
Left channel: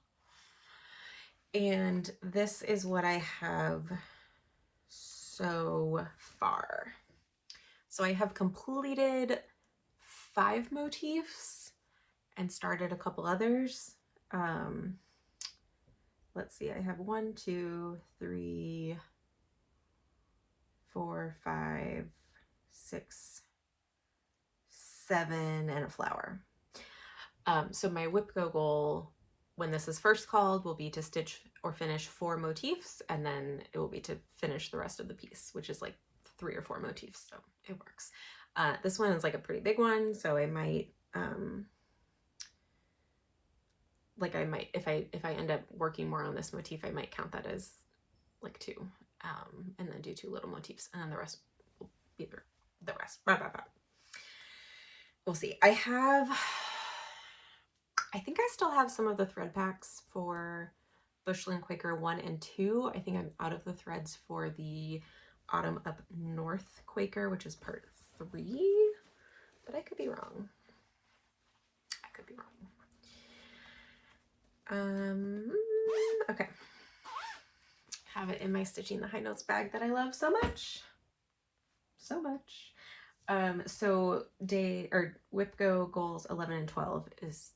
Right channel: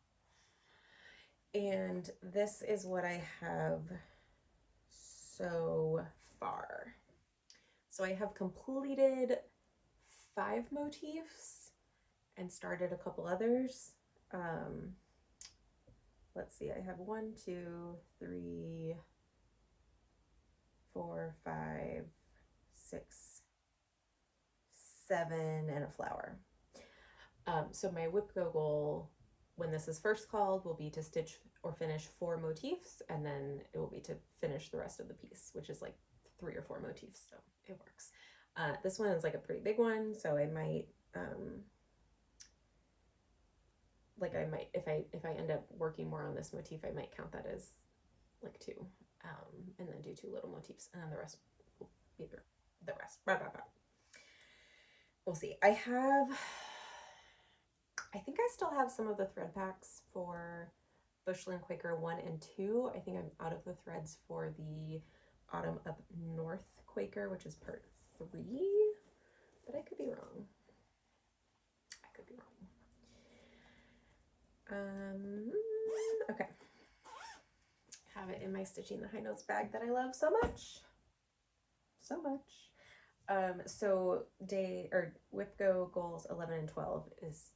And this is what I have so far. So I have completed 5 motifs and started a couple others. Let's see, I have 1, 2, 3, 4, 5, 6, 7, and a flower. So my WIPGO goal, when this is first called, will be to stitch or finish 4 motifs, and then it will be to finish the rest of the piece, which is like 3 or 4 motifs, so it works. This one is like a pretty big one, so I might, if I end up working more on this motif, I might count that as like 2, and then do 2 little motifs, and then the rest will be the rest. We'll see. I think I still have some of the thread packs for Bushland Quaker 1 and 2. I think I'm out of the threads for the Autumn Up North Quaker, which is part 3, but I could be wrong. Okay. Have it in my Stitching the High Notes bag that I love so much. So much. So WIPGO goals 11 and 12 is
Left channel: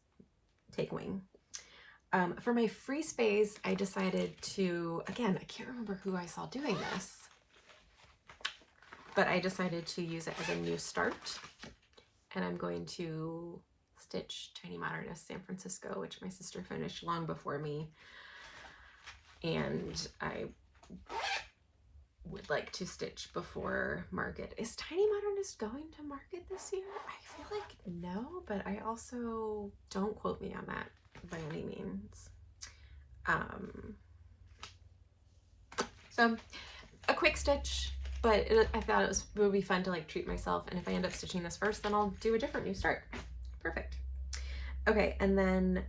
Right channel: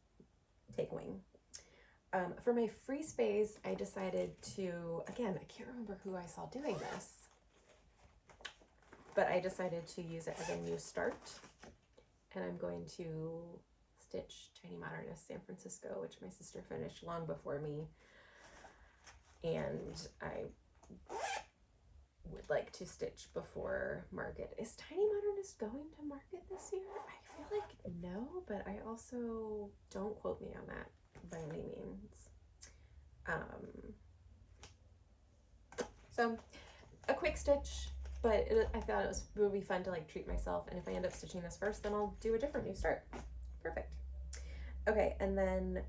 Take Wing. For my free space, I decided to, again, I can't remember who I saw doing this, but I decided to use it as a new start, and I'm going to stitch Tiny Modernist San Francisco, which my sister finished long before me, and I would like to stitch before market. Is Tiny Modernist going to market this year? I feel like no, but I also, don't quote me on that by any means. So a quick stitch, but I thought it would be fun to like treat myself, and if I end up stitching this first, then I'll do a different new start. Perfect. Okay, and then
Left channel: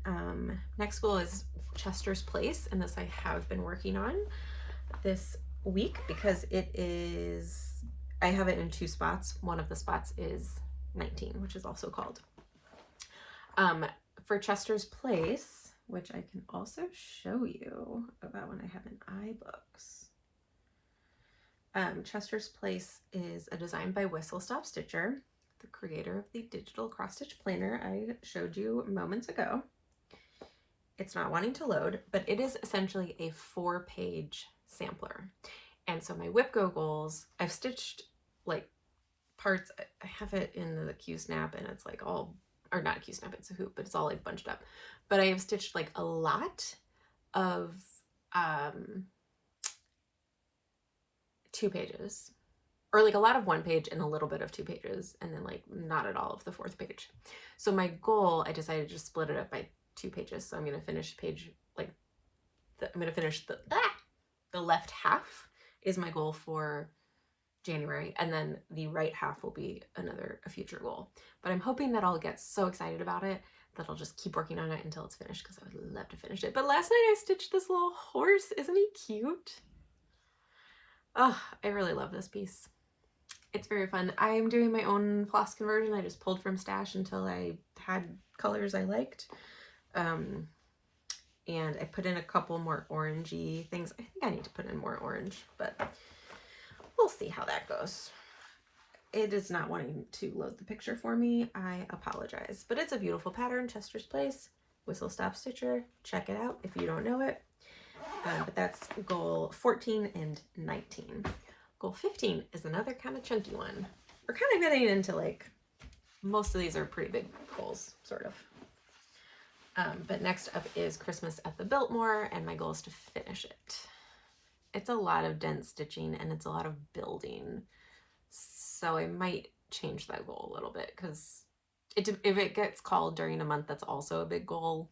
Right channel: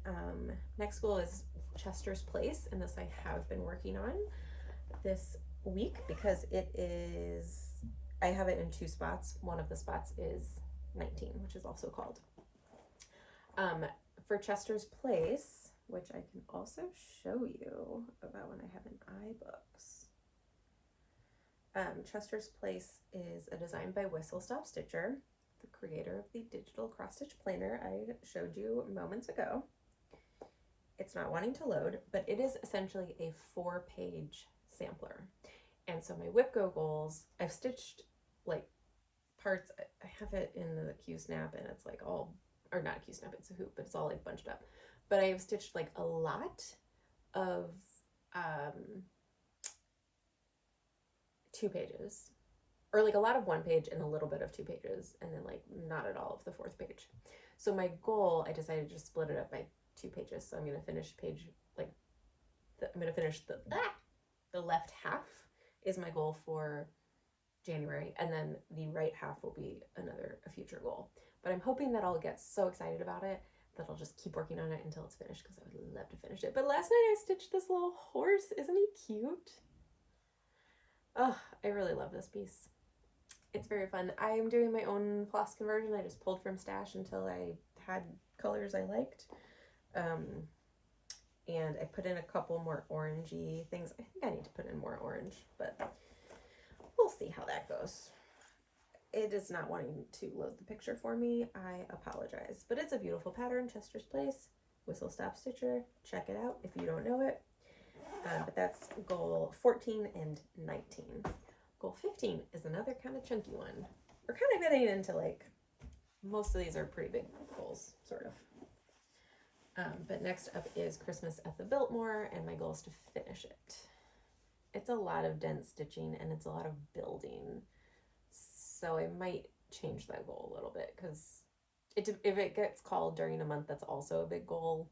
next goal is Chester's Place, and this I have been working on this week because it is, I have it in 2 spots. One of the spots is 19, which is also called. For Chester's Place, which I can also show you about when I have in iBooks. Chester's Place is a design by Whistle Stop Stitcher, the creator of the digital cross stitch planner I showed you moments ago. It's not wanting to load, but it is essentially a 4-page sampler. And so my WIPGO goals, I've stitched like parts, I have it in the Q-snap, and it's like all, or not a Q-snap, it's a hoop, but it's all like bunched up. But I have stitched like a lot of 2 pages, or like a lot of 1 page and a little bit of 2 pages, and then like not at all of the 4th page. So my goal, I decided to just split it up by 2 pages. So I'm going to finish page, like, I'm going to finish the left half is my goal for January, and then the right half will be a future goal. But I'm hoping that I'll get so excited about it that I'll just keep working on it until it's finished, because I would love to finish it. But last night I stitched this little horse. Isn't he cute? Oh, I really love this piece. It's very fun. I am doing my own floss conversion. I just pulled from stash until I had colors I liked. and I put in a couple more orangey things. I think I need to put in more orange, but we'll see how that goes. It is not wanting to load the picture for me. I apologize, but it's a beautiful pattern, Chester's Place, Whistle Stop Stitcher. Check it out if you don't know it. But that's goal 14 and 19. Goal 15 is another kind of chunky one. We're kind of getting into like, most of these are pretty big goals, sort of. But next up is Christmas at the Biltmore, and my goal is to finish it. It's a lot of dense stitching and it's a lot of building. So I might change that goal a little bit, because if it gets called during a month that's also a big goal,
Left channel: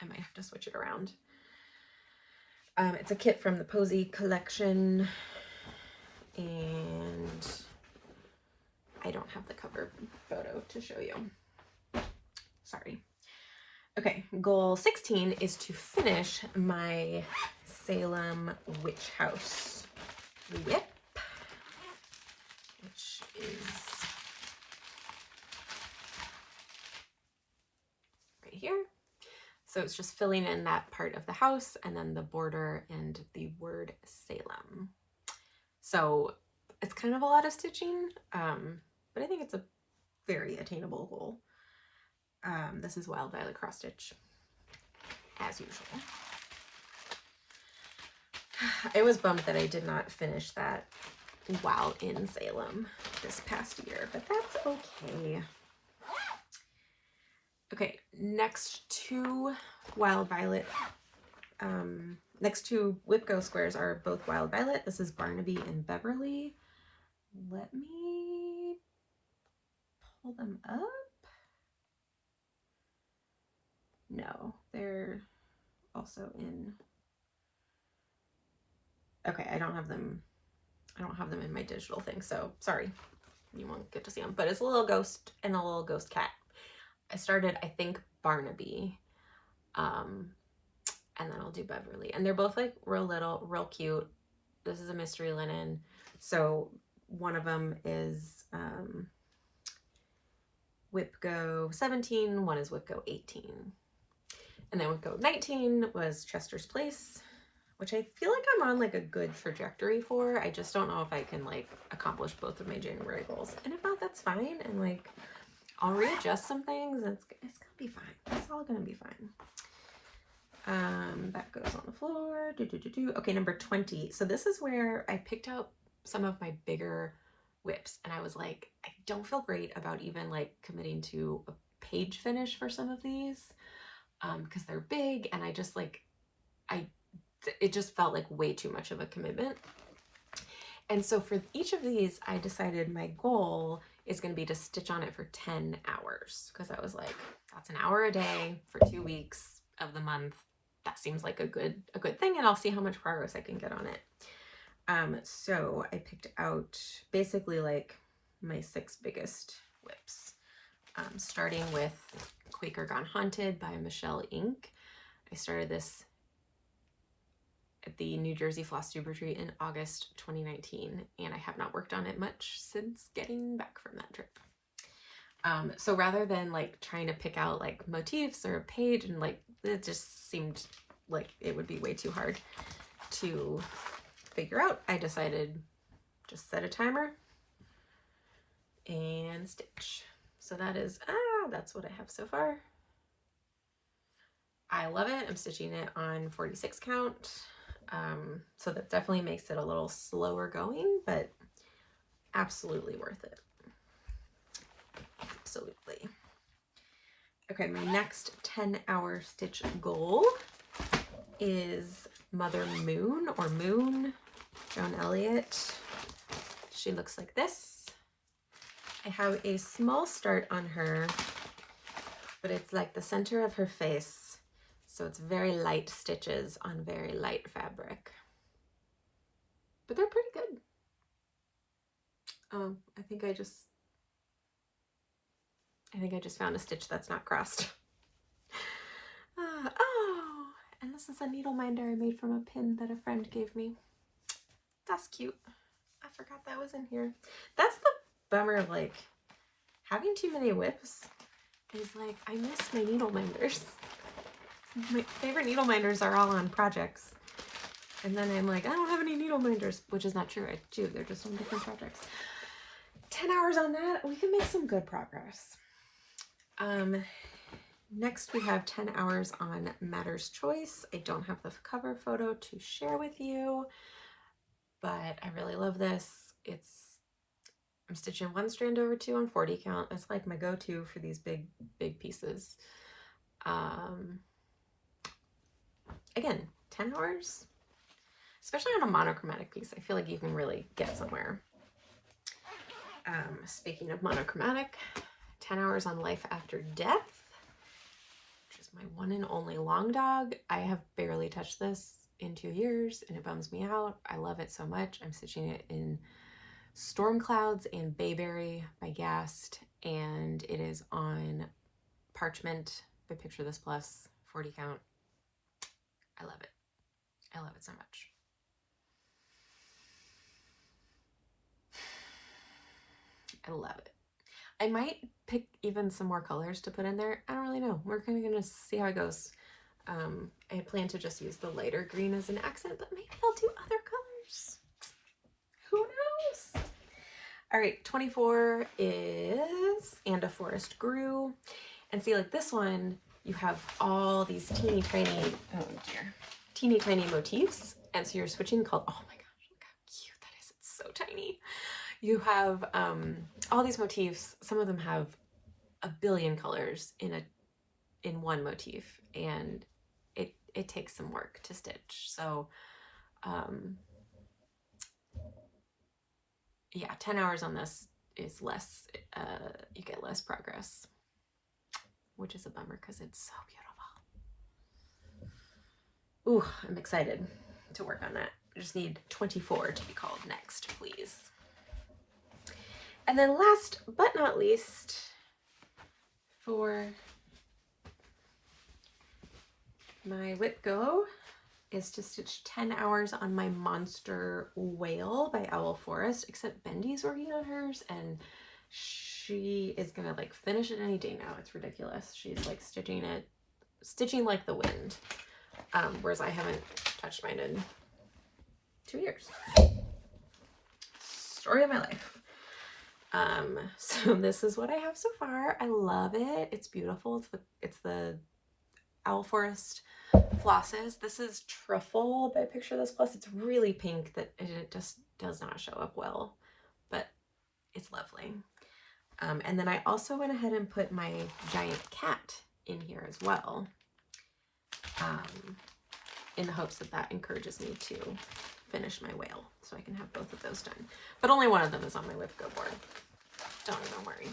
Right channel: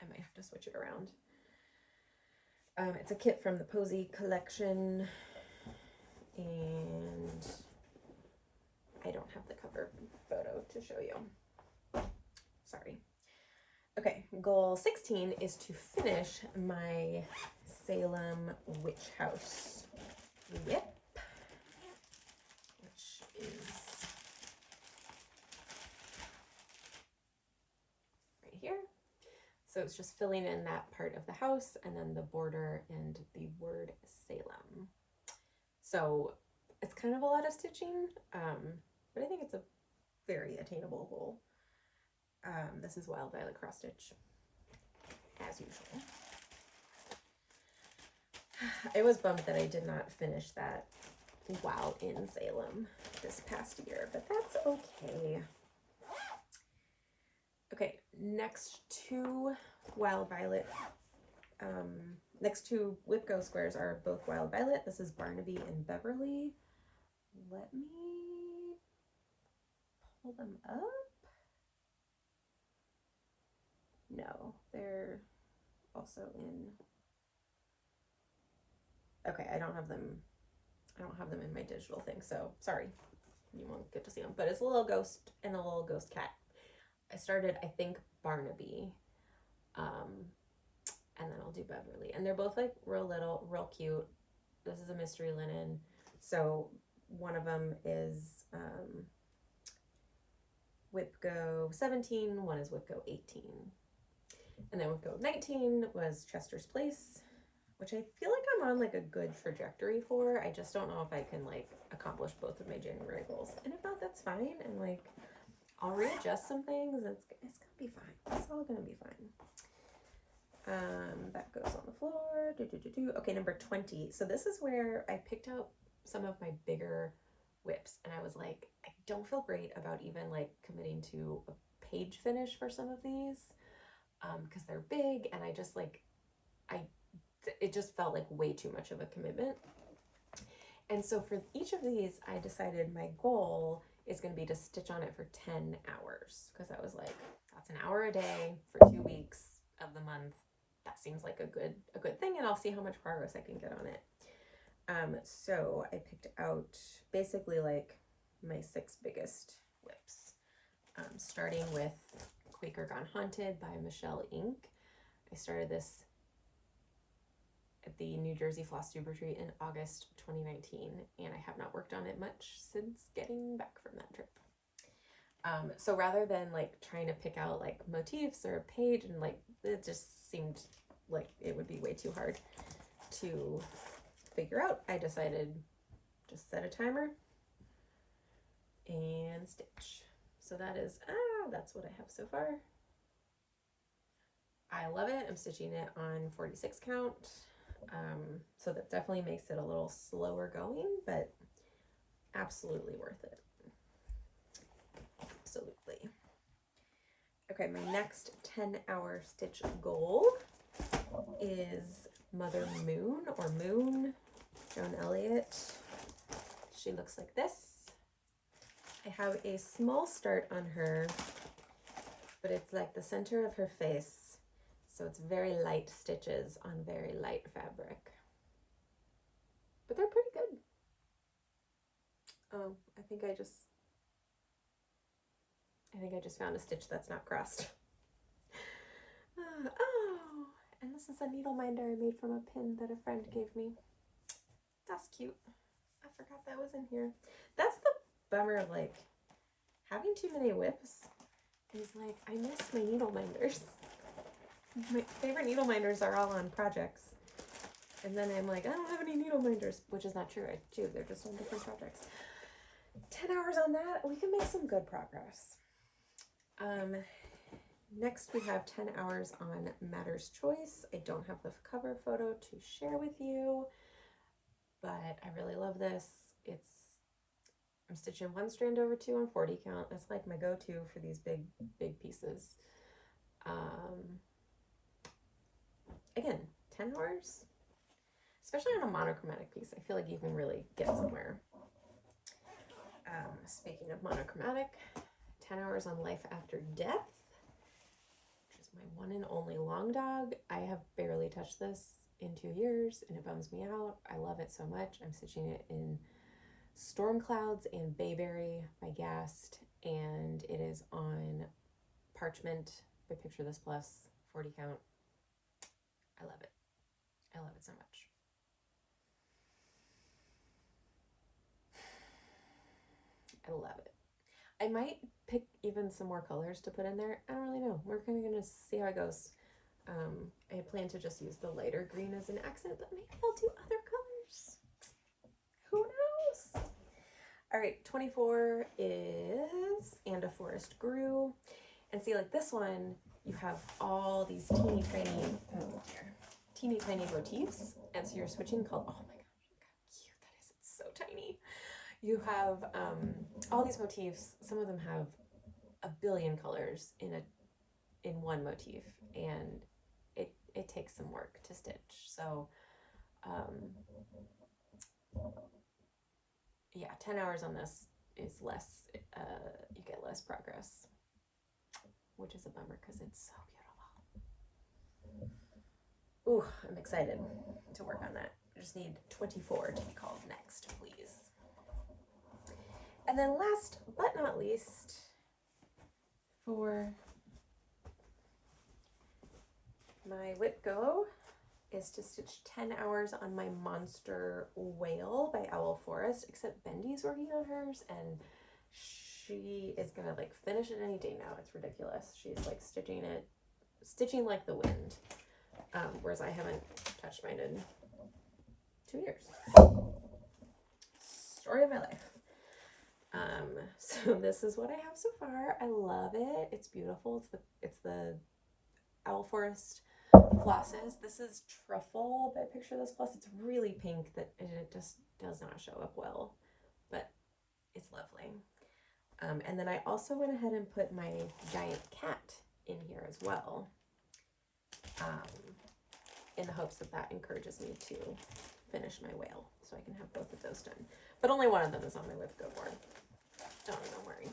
I might have to switch it around. It's a kit from the Posy collection, and I don't have the cover photo to show you. Sorry. Okay, goal 16 is to finish my Salem Witch House WIP, which is right here. So it's just filling in that part of the house and then the border and the word Salem. So it's kind of a lot of stitching, but I think it's a very attainable goal. This is Wild Violet cross stitch, as usual. I was bummed that I did not finish that while in Salem this past year, but that's okay. Okay, next two Wild Violet, next two WIPGO squares are both Wild Violet. This is Barnaby and Beverly. Let me pull them up. No, they're also in, okay, I don't have them in my digital thing, so sorry, you won't get to see them, but it's a little ghost and a little ghost cat. I started, I think, Barnaby, and then I'll do Beverly, and they're both like real little, real cute. This is a mystery linen, so one of them is WIPGO 17, one is WIPGO 18. And then WIPGO 19 was Chester's Place, which I feel like I'm on like a good trajectory for. I just don't know if I can like accomplish both of my January goals. And if not, that's fine. And like, I'll readjust some things. It's gonna be fine. It's all gonna be fine. That goes on the floor. Okay, number 20. So this is where I picked out some of my bigger WIPs, and I was like, I don't feel great about even like committing to a page finish for some of these. Because they're big, and I just like, it just felt like way too much of a commitment. And so for each of these, I decided my goal is going to be to stitch on it for 10 hours, because I was like, that's an hour a day for 2 weeks of the month. That seems like a good thing, and I'll see how much progress I can get on it. So I picked out basically like my 6 biggest WIPs, starting with Quaker Gone Haunted by Michelle Inc. I started this at the New Jersey Flosstube retreat in August 2019, and I have not worked on it much since getting back from that trip. So rather than like trying to pick out like motifs or a page, and like it just seemed like it would be way too hard to figure out, I decided just set a timer and stitch. So that is, that's what I have so far. I love it. I'm stitching it on 46 count. So that definitely makes it a little slower going, but absolutely worth it. Absolutely. Okay, my next 10-hour stitch goal is Mother Moon, or Moon, Joan Elliott. She looks like this. I have a small start on her, but it's like the center of her face. So it's very light stitches on very light fabric. But they're pretty good. Oh, I think I just found a stitch that's not crossed. Oh, and this is a needle minder I made from a pin that a friend gave me. That's cute. I forgot that was in here. That's the bummer of like having too many WIPs, is like I miss my needle minders. My favorite needle minders are all on projects. And then I'm like, I don't have any needle minders, which is not true. I do. They're just on different projects. 10 hours on that, we can make some good progress. Next we have 10 hours on Matter's Choice. I don't have the cover photo to share with you, but I really love this. I'm stitching one strand over 2 on 40 count. That's like my go-to for these big pieces. Again, 10 hours, especially on a monochromatic piece. I feel like you can really get somewhere. Speaking of monochromatic, 10 hours on Life After Death, which is my one and only long dog. I have barely touched this in 2 years and it bums me out. I love it so much. I'm stitching it in Storm Clouds and Bayberry by Gast, and it is on parchment by Picture This Plus, 40 count. I love it. I love it so much. I love it. I might pick even some more colors to put in there. I don't really know. We're kind of going to see how it goes. I plan to just use the lighter green as an accent, but maybe I'll do other colors. Who knows? All right, 24 is And a Forest Grew. And see, like this one, you have all these teeny tiny motifs. And so you're switching color. Oh my gosh, look how cute that is. It's so tiny. You have all these motifs. Some of them have a billion colors in one motif, and it takes some work to stitch. So yeah, 10 hours on this is less, you get less progress, which is a bummer because it's so beautiful. Ooh, I'm excited to work on that. I just need 24 to be called next, please. And then last but not least, for my WIPGO is to stitch 10 hours on my Monster Whale by Owl Forest, except Bendy's working on hers and she is gonna like finish it any day now. It's ridiculous. She's like stitching like the wind, whereas I haven't touched mine in 2 years. Story of my life. So this is what I have so far. I love it. It's beautiful. It's the Owl Forest flosses. This is Truffle by Picture This Plus. It's really pink that it just does not show up well, but it's lovely. And then I also went ahead and put my giant cat in here as well, in the hopes that that encourages me to finish my whale so I can have both of those done. But only one of them is on my WIPGO board. Don't even worry.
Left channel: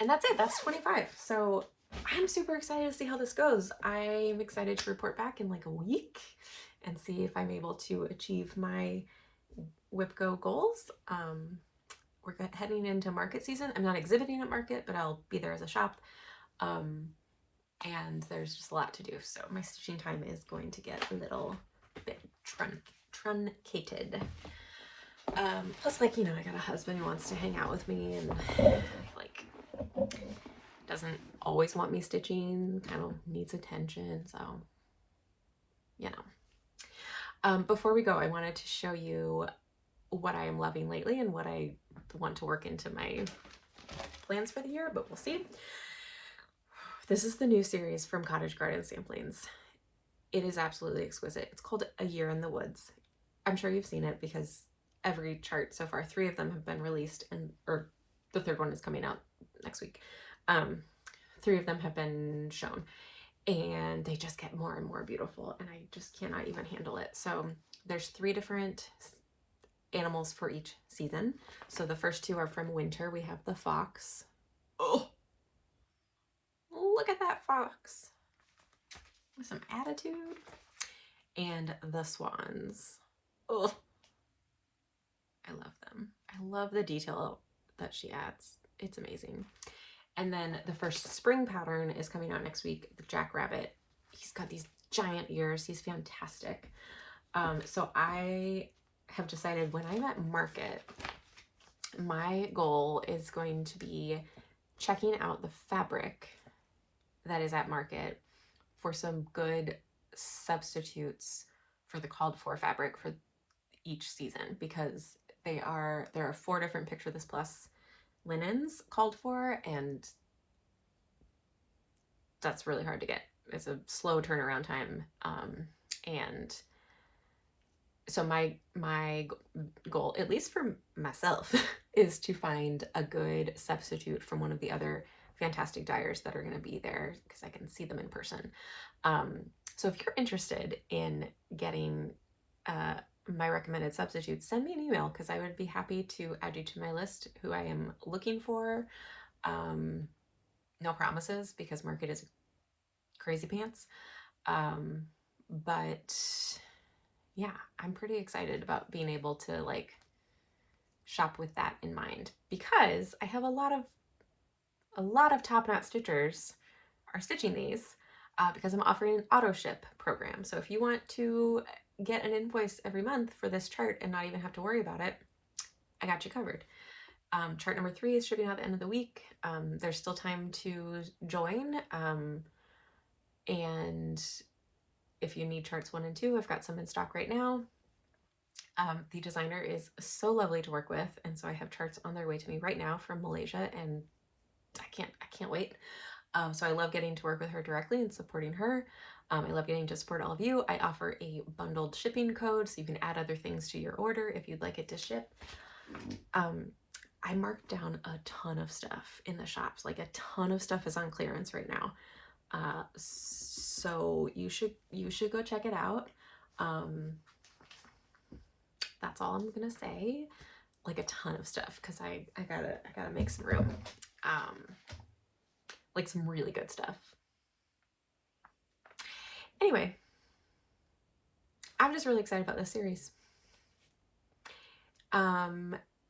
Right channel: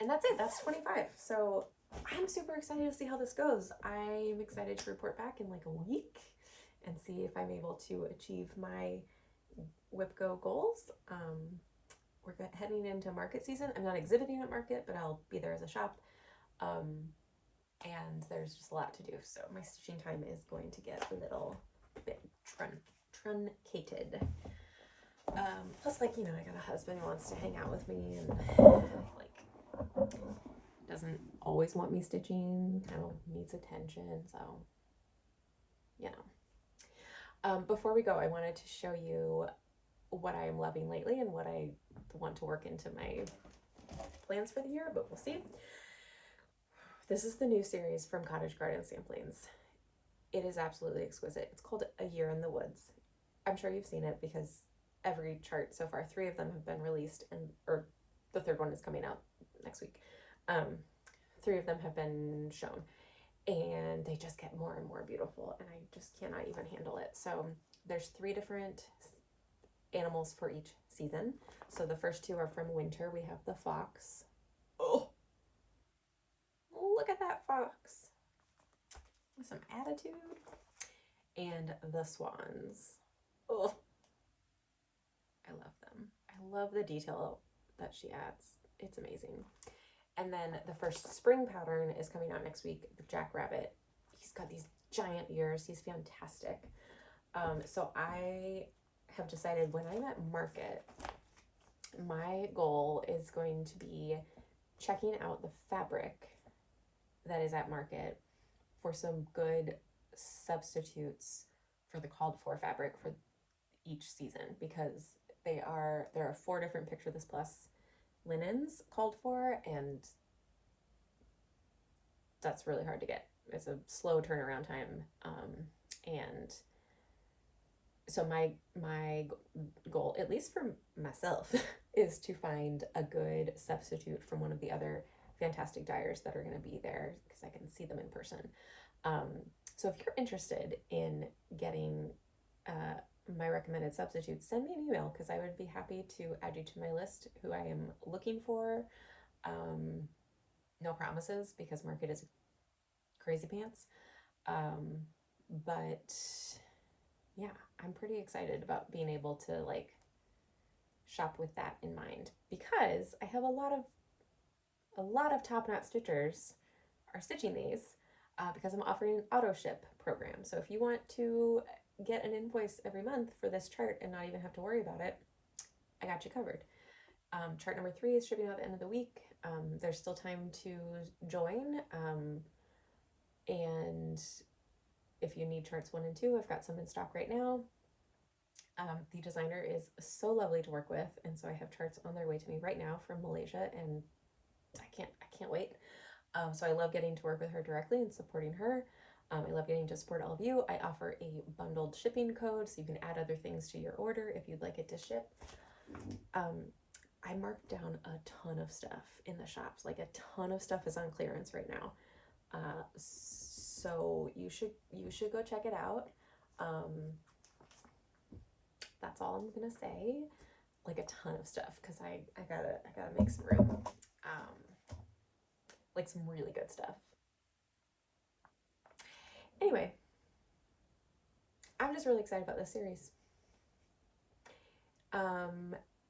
And that's it. That's 25. So I'm super excited to see how this goes. I'm excited to report back in like a week and see if I'm able to achieve my WIPGO goals. We're heading into market season. I'm not exhibiting at market, but I'll be there as a shop. And there's just a lot to do. So my stitching time is going to get a little bit truncated. Plus, like, you know, I got a husband who wants to hang out with me and like doesn't always want me stitching, kind of needs attention. So, you know. Before we go, I wanted to show you what I am loving lately and what I want to work into my plans for the year, but we'll see. This is the new series from Cottage Garden Samplings. It is absolutely exquisite. It's called A Year in the Woods. I'm sure you've seen it because every chart so far, 3 of them have been released, or the 3rd one is coming out next week. 3 of them have been shown, and they just get more and more beautiful, and I just cannot even handle it. So there's 3 different animals for each season. So the first 2 are from winter. We have the fox. Oh, look at that fox with some attitude. And the swans. Oh, I love them. I love the detail that she adds. It's amazing. And then the first spring pattern is coming out next week, the Jackrabbit. He's got these giant ears. He's fantastic. So I have decided when I'm at market, my goal is going to be checking out the fabric that is at market for some good substitutes for the called for fabric for each season, because there are 4 different Picture This Plus linens called for, and that's really hard to get. It's a slow turnaround time, and so my goal, at least for myself, is to find a good substitute from one of the other fantastic dyers that are going to be there, because I can see them in person. So if you're interested in getting my recommended substitutes, send me an email, because I would be happy to add you to my list who I am looking for. No promises, because market is crazy pants. But yeah, I'm pretty excited about being able to like shop with that in mind, because I have a lot of TopKnot Stitchers are stitching these, because I'm offering an auto ship program. So if you want to get an invoice every month for this chart and not even have to worry about it, I got you covered. Chart number 3 is shipping out at the end of the week. There's still time to join. And if you need charts 1 and 2, I've got some in stock right now. The designer is so lovely to work with, and so I have charts on their way to me right now from Malaysia, and I can't wait. So I love getting to work with her directly and supporting her. I love getting to support all of you. I offer a bundled shipping code, so you can add other things to your order if you'd like it to ship. I marked down a ton of stuff in the shops. Like, a ton of stuff is on clearance right now. So you should go check it out. That's all I'm gonna say. Like, a ton of stuff, because I gotta make some room. Like, some really good stuff. Anyway, I'm just really excited about this series.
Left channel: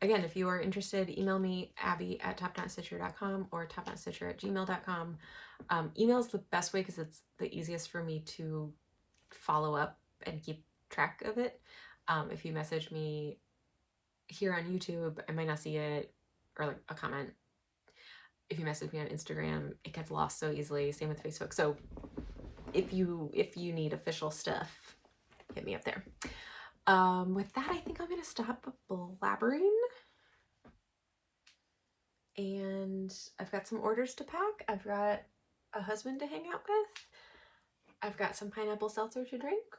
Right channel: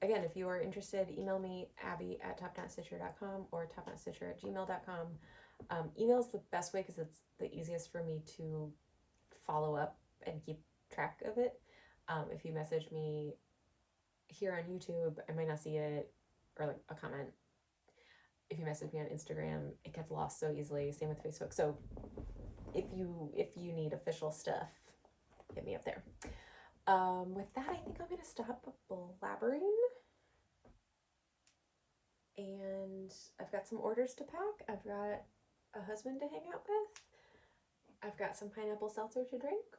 Again, if you are interested, email me, abby@topknotstitcher.com or topknotstitcher@gmail.com. Email is the best way, because it's the easiest for me to follow up and keep track of it. If you message me here on YouTube, I might not see it, or like a comment. If you message me on Instagram, it gets lost so easily. Same with Facebook. So if you need official stuff, hit me up there. With that, I think I'm gonna stop blabbering. And I've got some orders to pack. I've got a husband to hang out with. I've got some pineapple seltzer to drink.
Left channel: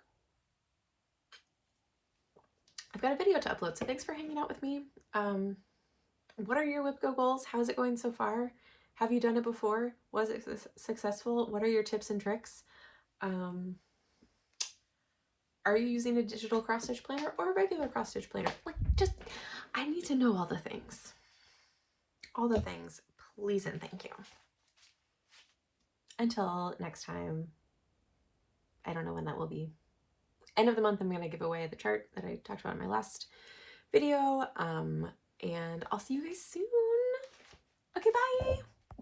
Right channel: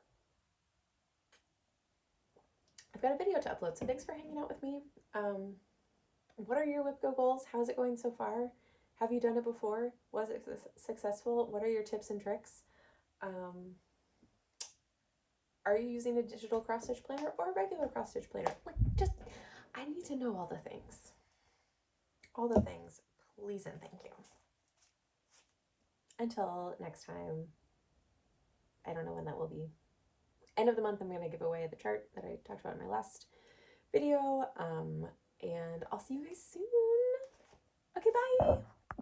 I've got a video to upload, so thanks for hanging out with me. What are your WIPGO goals? How's it going so far? Have you done it before? Was it successful? What are your tips and tricks? Are you using a digital cross-stitch planner or a regular cross-stitch planner? Like, just, I need to know all the things. All the things, please and thank you. Until next time, I don't know when that will be. End of the month, I'm going to give away the chart that I talked about in my last video, and I'll see you guys soon.